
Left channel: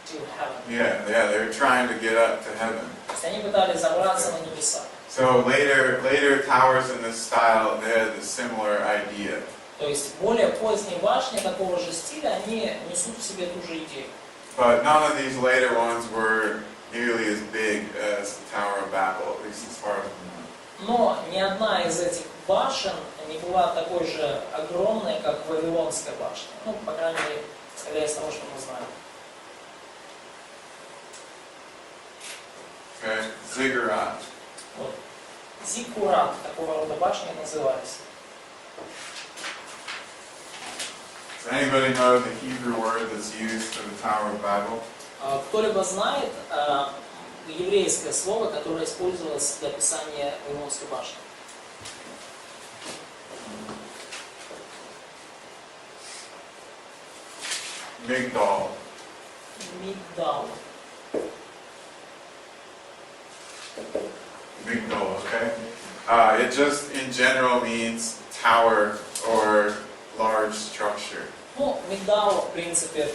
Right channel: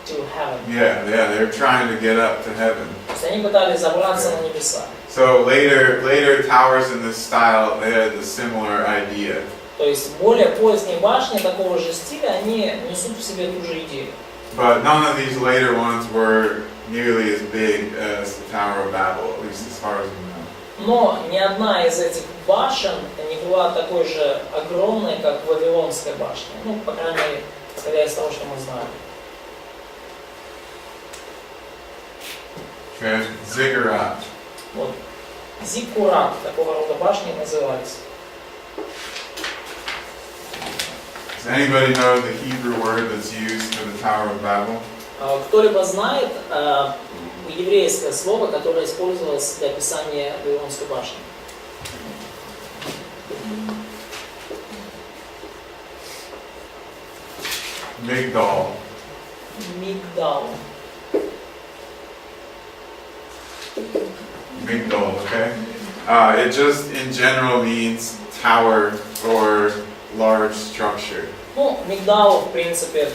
to heaven. Yeah, they're trying to get up to heaven. То есть они пытались забраться на небеса. So later towers in this style, they had a similar idea. То есть более поздние башни такого же стиля, они несут в себе ту же идею. But none of these later ones were nearly as big as the Tower of Babel, at least as far as we know. Но ни одна из этих башен не была такой же огромной, как Вавилонская башня. Ну, по крайней мере, исходя из того, что мы знаем. Okay, ziggurat. Вот. Зиккурат, такого рода башни назывались. Does anybody know the Hebrew word that's used for the Tower of Babel? Кто-либо знает еврейское слово, которое использовалось для описания Вавилонской башни? Migdal. Мигдал. Migdal, okay? It just in general means tower or large structure. Ну, мигдал, в принципе,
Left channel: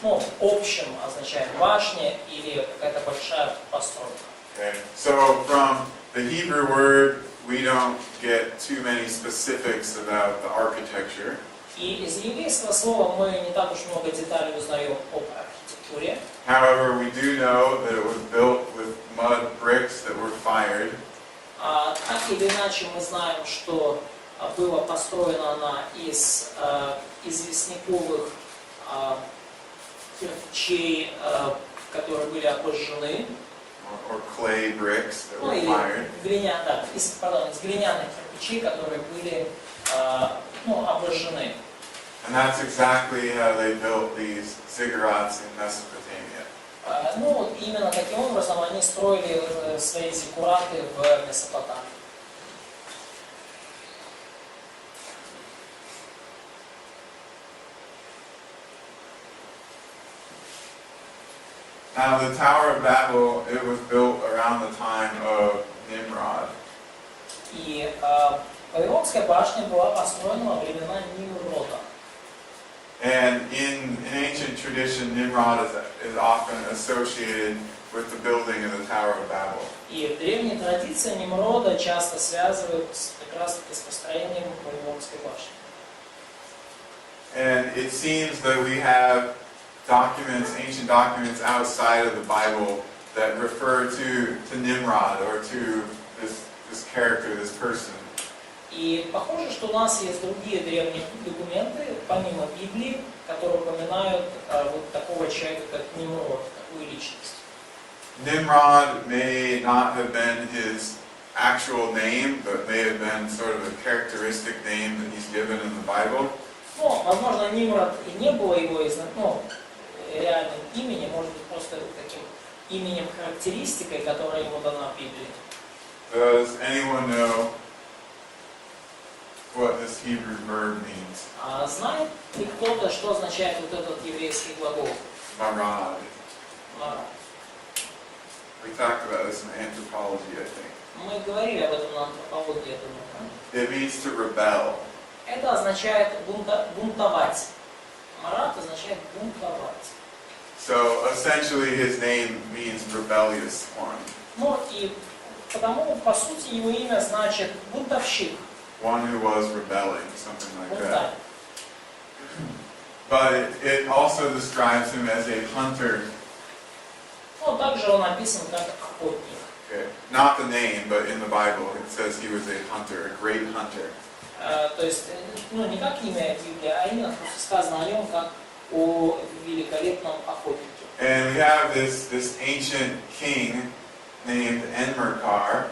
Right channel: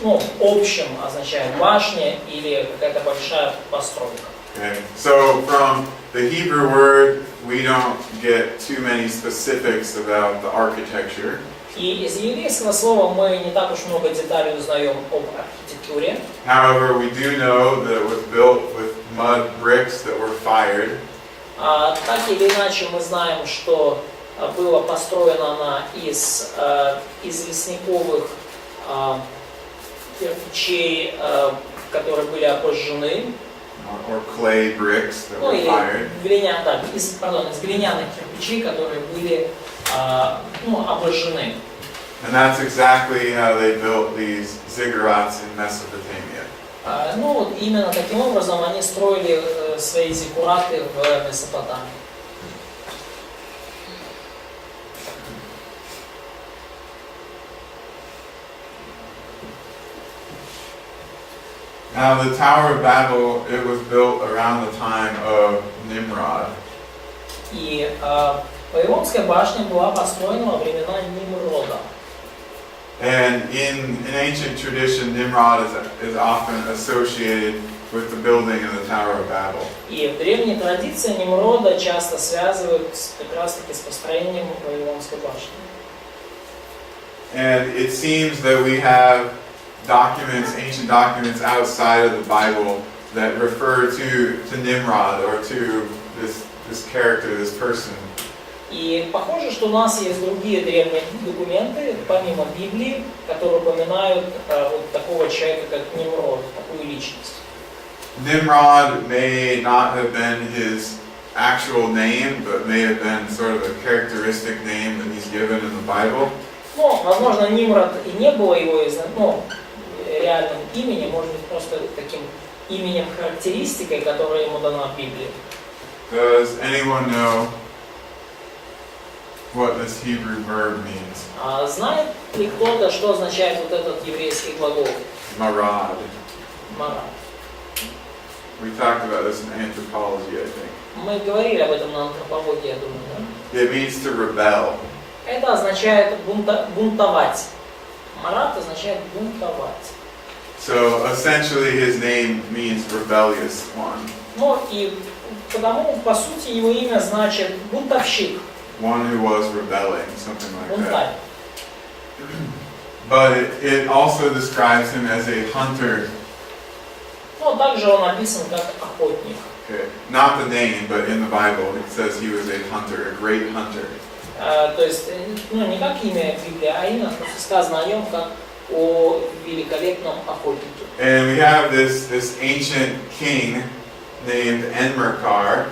в общем означает башня или какая-то большая постройка. Okay, so from the Hebrew word, we don't get too many specifics about the architecture. И из еврейского слова мы не так уж много деталей узнаем об архитектуре. However, we do know that it was built with mud bricks that were fired. Так или иначе мы знаем, что была построена она из известняковых кирпичей, которые были обожжены. Or clay bricks that Ну, were fired. из глиняных кирпичей, которые были обожжены. And that's exactly how they built these ziggurats in Mesopotamia. Ну вот именно таким образом они строили свои зиккураты в Месопотамии. Now the Tower of Babel, it was built around the time of Nimrod. И Вавилонская башня была построена во времена Нимрода. And in ancient tradition, Nimrod is often associated with the building of the Tower of Babel. И в древней традиции Нимрода часто связывают как раз таки с построением Вавилонской башни. And it seems that we have documents, ancient documents outside of the Bible that refer to Nimrod or to this character, this person. И похоже, что у нас есть другие древние документы, помимо Библии, которые упоминают вот такого человека, как Нимрод, такую личность. Nimrod may not have been his actual name, but may have been sort of a characteristic name that he's given in the Bible. Ну, возможно, Нимрод и не было его реальным именем, может быть, просто таким именем-характеристикой, которая ему дана в Библии. Does anyone know what this Hebrew verb means? Знает ли кто-то, что означает вот этот еврейский глагол? Marad. Марад. We talked about this in anthropology, I think. Мы говорили об этом на антропологии, я думаю, да? It means to rebel. Это означает бунтовать. Марад означает бунтовать. So essentially his name means rebellious one. Ну и потому, по сути, его имя значит бунтовщик, One who was rebelling, something like бунтарь. that. But it also describes him as a hunter. Ну, также он описан как охотник. Okay. Not the name, but in the Bible it says he was a hunter, a great hunter. То есть, ну, не как имя в Библии, а именно сказано о нем как о великолепном охотнике. And we have this ancient king named Enmerkar.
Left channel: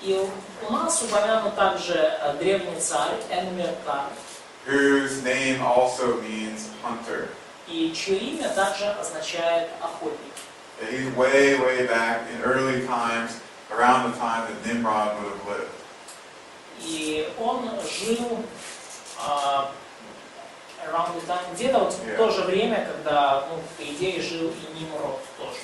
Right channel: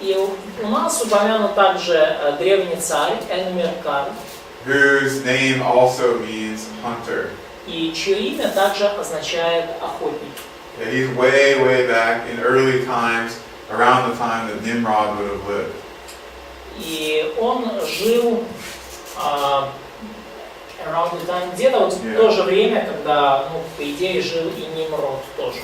И у нас упомянут также древний царь Энмеркар, whose name also means hunter. и чье имя также означает охотник. Yeah, he's way back in early times, around the time that Nimrod would have lived. И он жил around the time, где-то вот в то же время, когда, ну, по идее, жил и Нимрод тоже.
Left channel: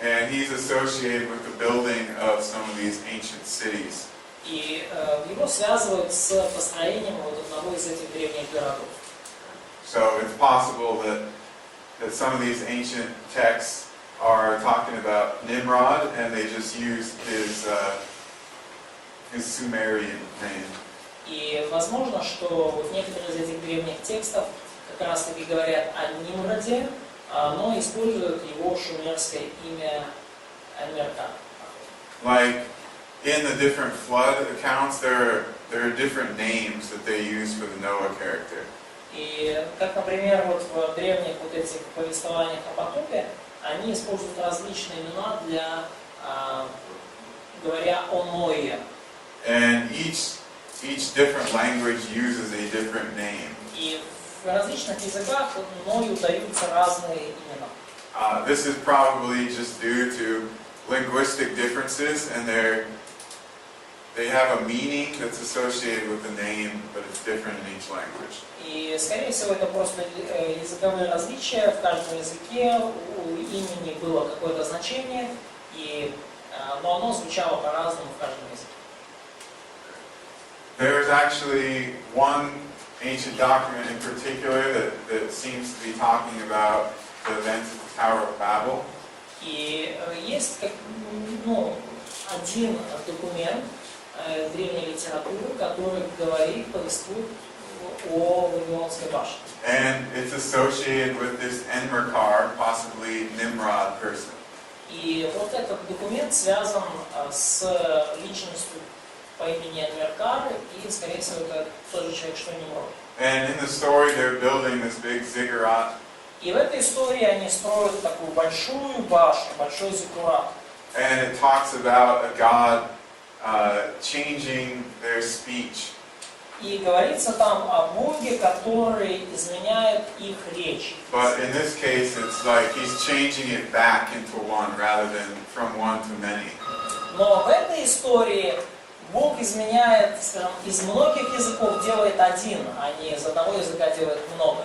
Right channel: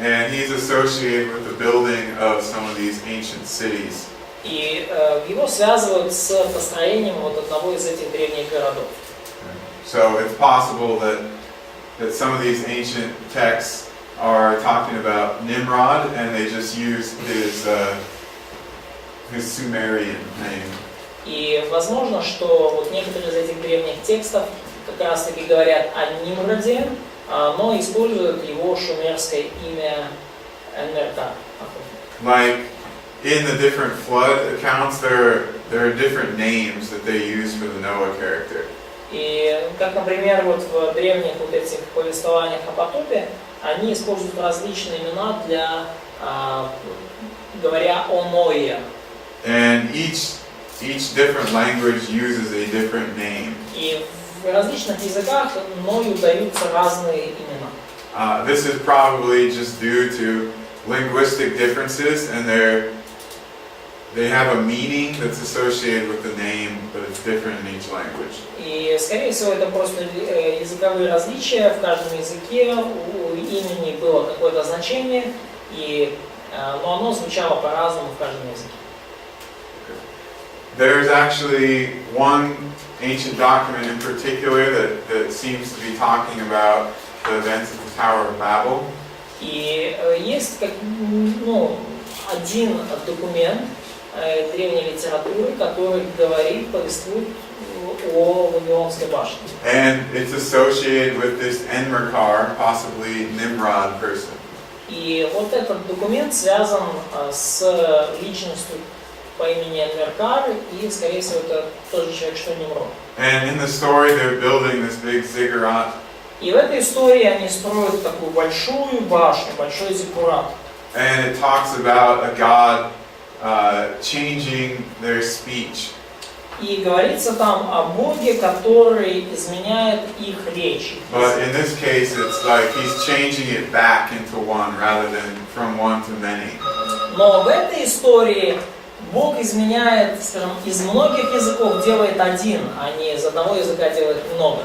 And he's associated with the building of some of these ancient cities. И его связывают с построением вот одного из этих древних городов. So it's possible that some of these ancient texts are talking about Nimrod, and they just use his Sumerian name. И возможно, что вот некоторые из этих древних текстов как раз таки говорят о Нимроде, но используют его шумерское имя Энмеркар. Like in the different flood accounts, there are different names that they use for the Noah character. И как, например, вот в древних вот этих повествованиях о потопе, они используют различные имена для, говоря о Ное. And each different language uses a different name. И в различных языках Ною даются разные имена. This is probably just due to linguistic differences, and they have a meaning that's associated with the name, but it's different in each language. И, скорее всего, это просто языковые различия. В каждом языке у имени было какое-то значение, но оно звучало по-разному в каждом языке. There's actually one ancient document in particular that seems to be talking about the events of the Tower of Babel. И есть один документ древней литературы, который повествует о Вавилонской башне. And it's associated with this Enmerkar, possibly Nimrod person. И вот этот документ связан с личностью по имени Энмеркар, и, скорее всего, это тот же человек, что Нимрод. And in the story, they're building this big ziggurat. И в этой истории они строят такую большую башню, большой зиккурат. And it talks about a god changing their speech. И говорится там о Боге, который изменяет их речь. But in this case, it's like he's changing it back into one rather than from one to many. Но в этой истории Бог изменяет, скажем, из многих языков делает один, а не из одного языка делает много.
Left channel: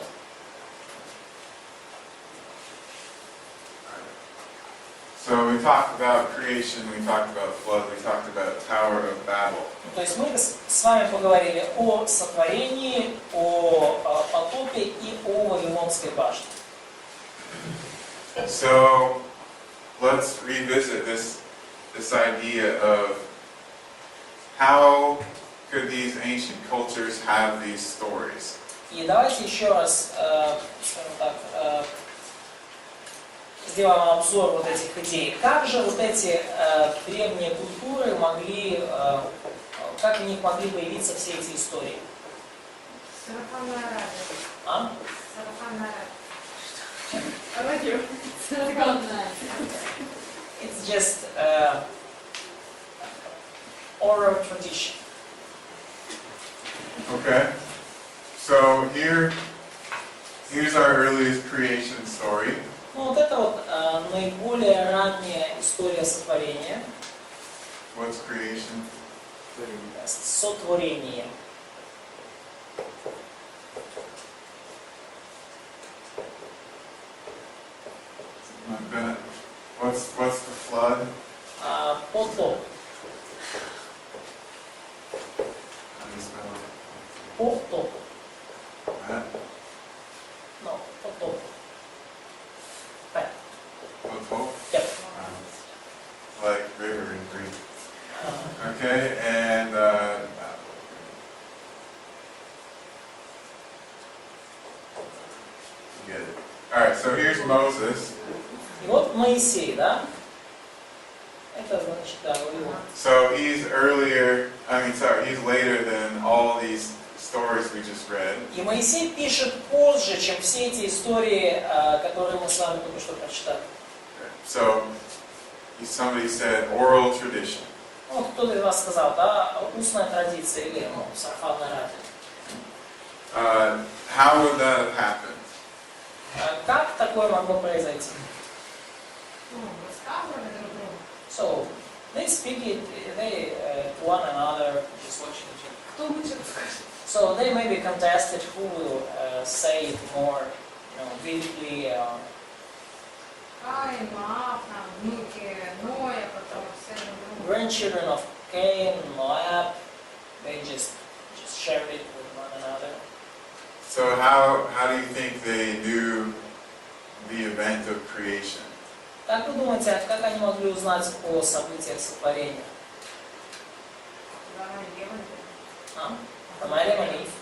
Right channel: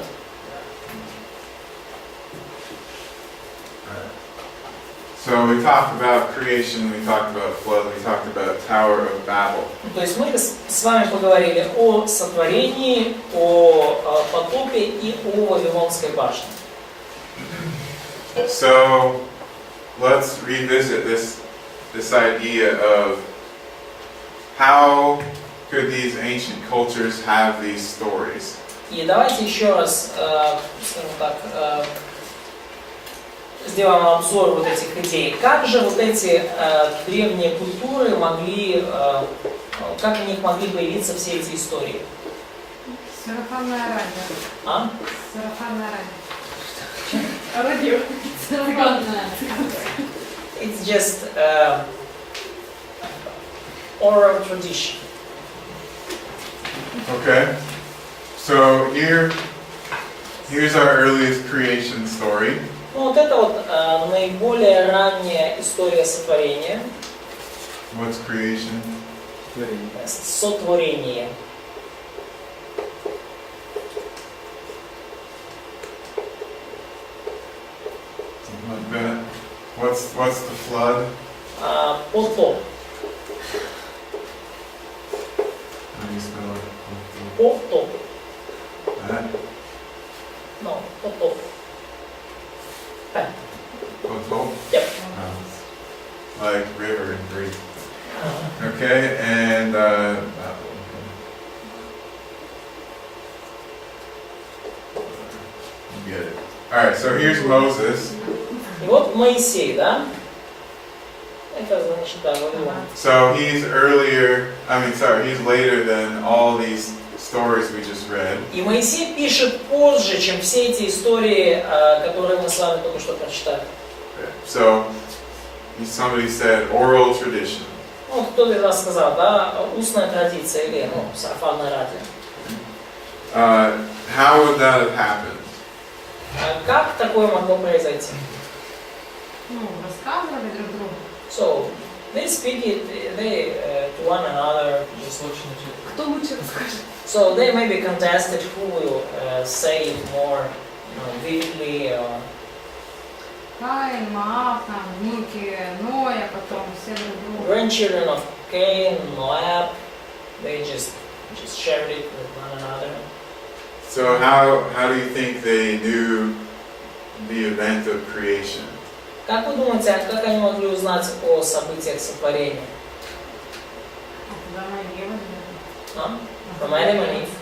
So we talked about creation, we talked about flood, we talked about Tower of Babel. То есть мы с вами поговорили о сотворении, о потопе и о Вавилонской башне. So let's revisit this idea of how could these ancient cultures have these stories? И давайте еще раз, скажем так, сделаем обзор вот этих идей. Как же вот эти древние культуры могли, как у них могли появиться все эти истории? Сарафанное радио. А? Сарафанное радио. Радио. Сарафанное. It's just oral tradition. Okay? So here's our earliest creation story. Ну, вот это вот наиболее ранняя история сотворения. What's creation? Сотворение. Something like that. What's the flood? Потоп. How do you spell it? Потоп. That? No, потоп. Potop? Yep. Like river in Greek. Uh, Okay, and you get it. Alright, so here's Moses. И вот Моисей, да? Это значит, да, Вавилон. So he's he's later than all these stories we just read. И Моисей пишет позже, чем все эти истории, которые мы с вами только что прочитали. So somebody said oral tradition. Ну, вот кто-то из вас сказал, да, устная традиция или, ну, сарафанное радио. How would that have happened? Как такое могло произойти? Ну, рассказывали друг другу. So, they speak it, to one another. Кто лучше расскажет? So they maybe contested who will say it more, vividly. Каин, Маав, там, Вики, Ноя, потом все друг друга. Grandchildren of Cain, Moab, they just shared it with one another. So how do you think they knew the event of creation? Как вы думаете, как они могли узнать о событиях сотворения? Да, Мария, From Adam and Eve?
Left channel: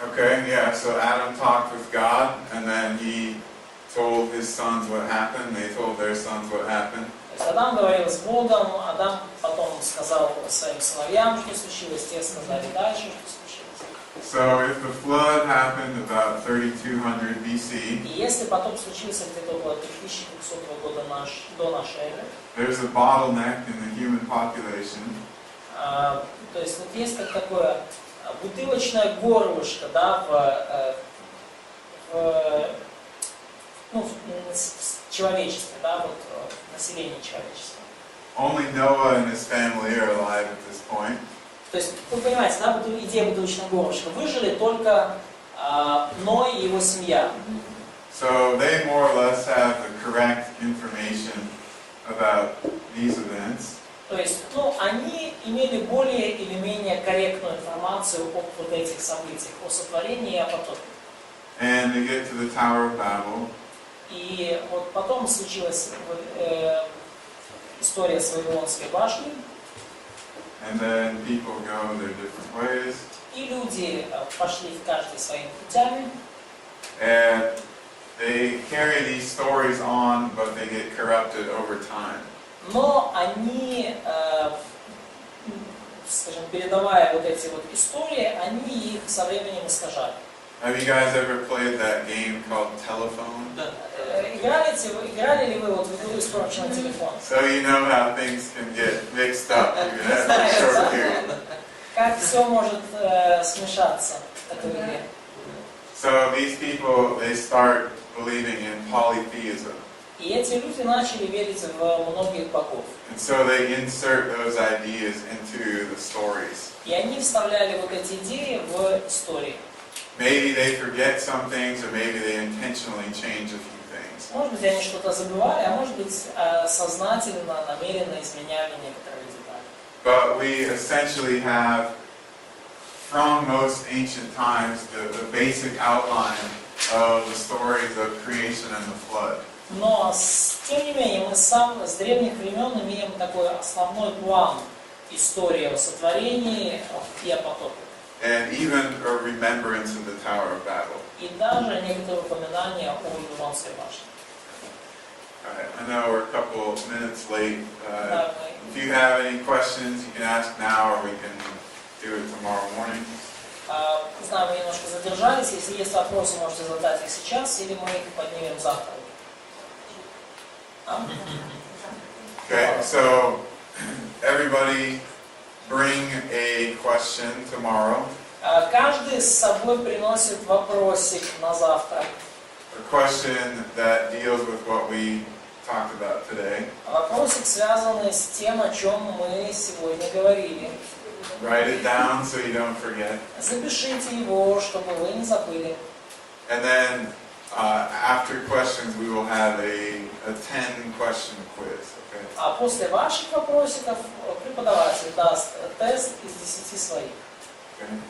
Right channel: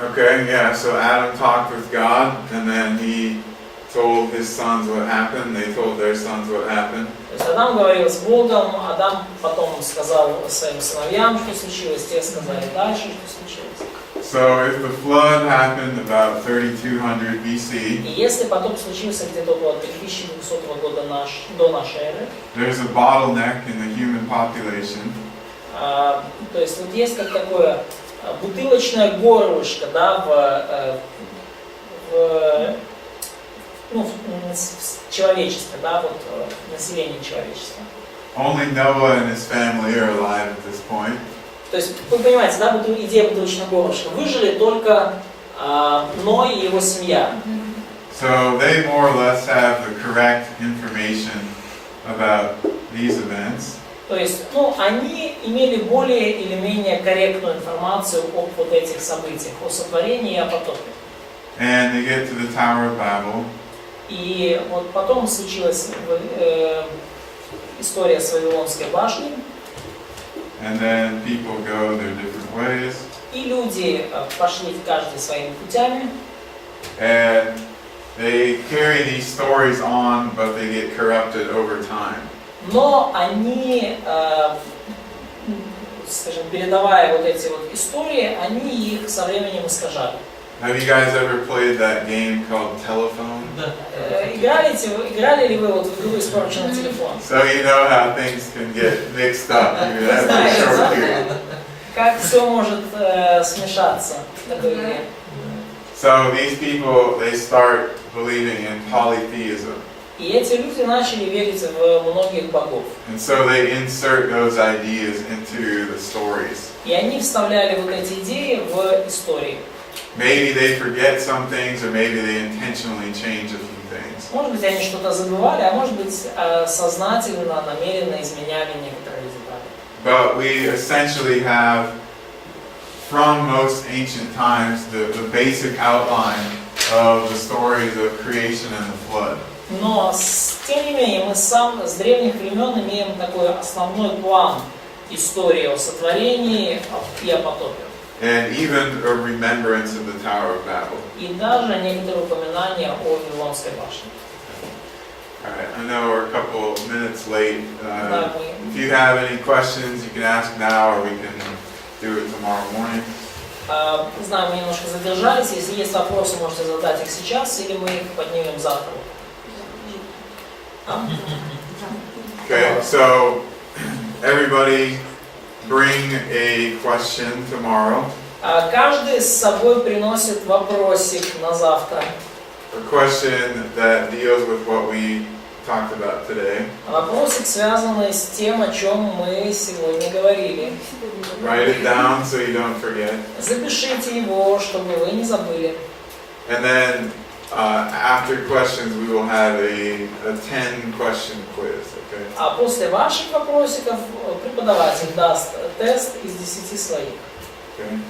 Okay, yeah, so Adam talked with God, and then he told his sons what happened, they told their sons what happened. То есть Адам говорил с Богом, Адам потом сказал своим сыновьям, что случилось, те сказали дальше, что случилось. So if the flood happened about 3200 BC, И если потоп случился где-то около 3200 года до нашей эры, there's a bottleneck in the human population. то есть вот есть как такое бутылочное горлышко, да, в человечестве, да, вот население человечества. Only Noah and his family are alive at this point. То есть, вы понимаете, да, вот идея бутылочного горлышка. Выжили только Ной и его семья. So they more or less have the correct information about these events. То есть, они имели более или менее корректную информацию об вот этих событиях, о сотворении и о потопе. And they get to the Tower of Babel. И вот потом случилась история с Вавилонской башней. And then people go their different ways. И люди пошли в каждый своими путями. And they carry these stories on, but they get corrupted over time. Но они, скажем, передавая вот эти вот истории, они их со временем искажали. Have you guys ever played that game called Telephone? Да. Играли ли вы вот в игру испорченный телефон? So you know how things can get mixed up even after a short period. как все может смешаться в такой игре. So these people, they start believing in polytheism. И эти люди начали верить в многих богов. And so they insert those ideas into the stories. И они вставляли вот эти идеи в истории. Maybe they forget some things, or maybe they intentionally change a few things. Может быть, они что-то забывали, а может быть, сознательно, намеренно изменяли некоторые детали. But we essentially have, from most ancient times, the basic outline of the stories of creation and the flood. Но, тем не менее, мы с древних времен имеем такой основной план истории о сотворении и о потопе. And even a remembrance of the Tower of Babel. И даже некоторые упоминания о Вавилонской башне. All right, I know we're a couple minutes late. Да, If you have any questions, you can ask now, or we can do it tomorrow morning. Знаю, мы немножко задержались. Если есть вопросы, можете задать их сейчас, или мы их поднимем завтра. Okay, so everybody bring a question tomorrow. Каждый с собой приносит вопросик на завтра. A question that deals with what we talked about today. Вопросик, связанный с тем, о чем мы сегодня говорили. Write it down so you don't forget. Запишите его, чтобы вы не забыли. And then after questions, we will have a 10-question quiz. Okay. А после ваших вопросиков преподаватель даст тест из 10 своих. Okay.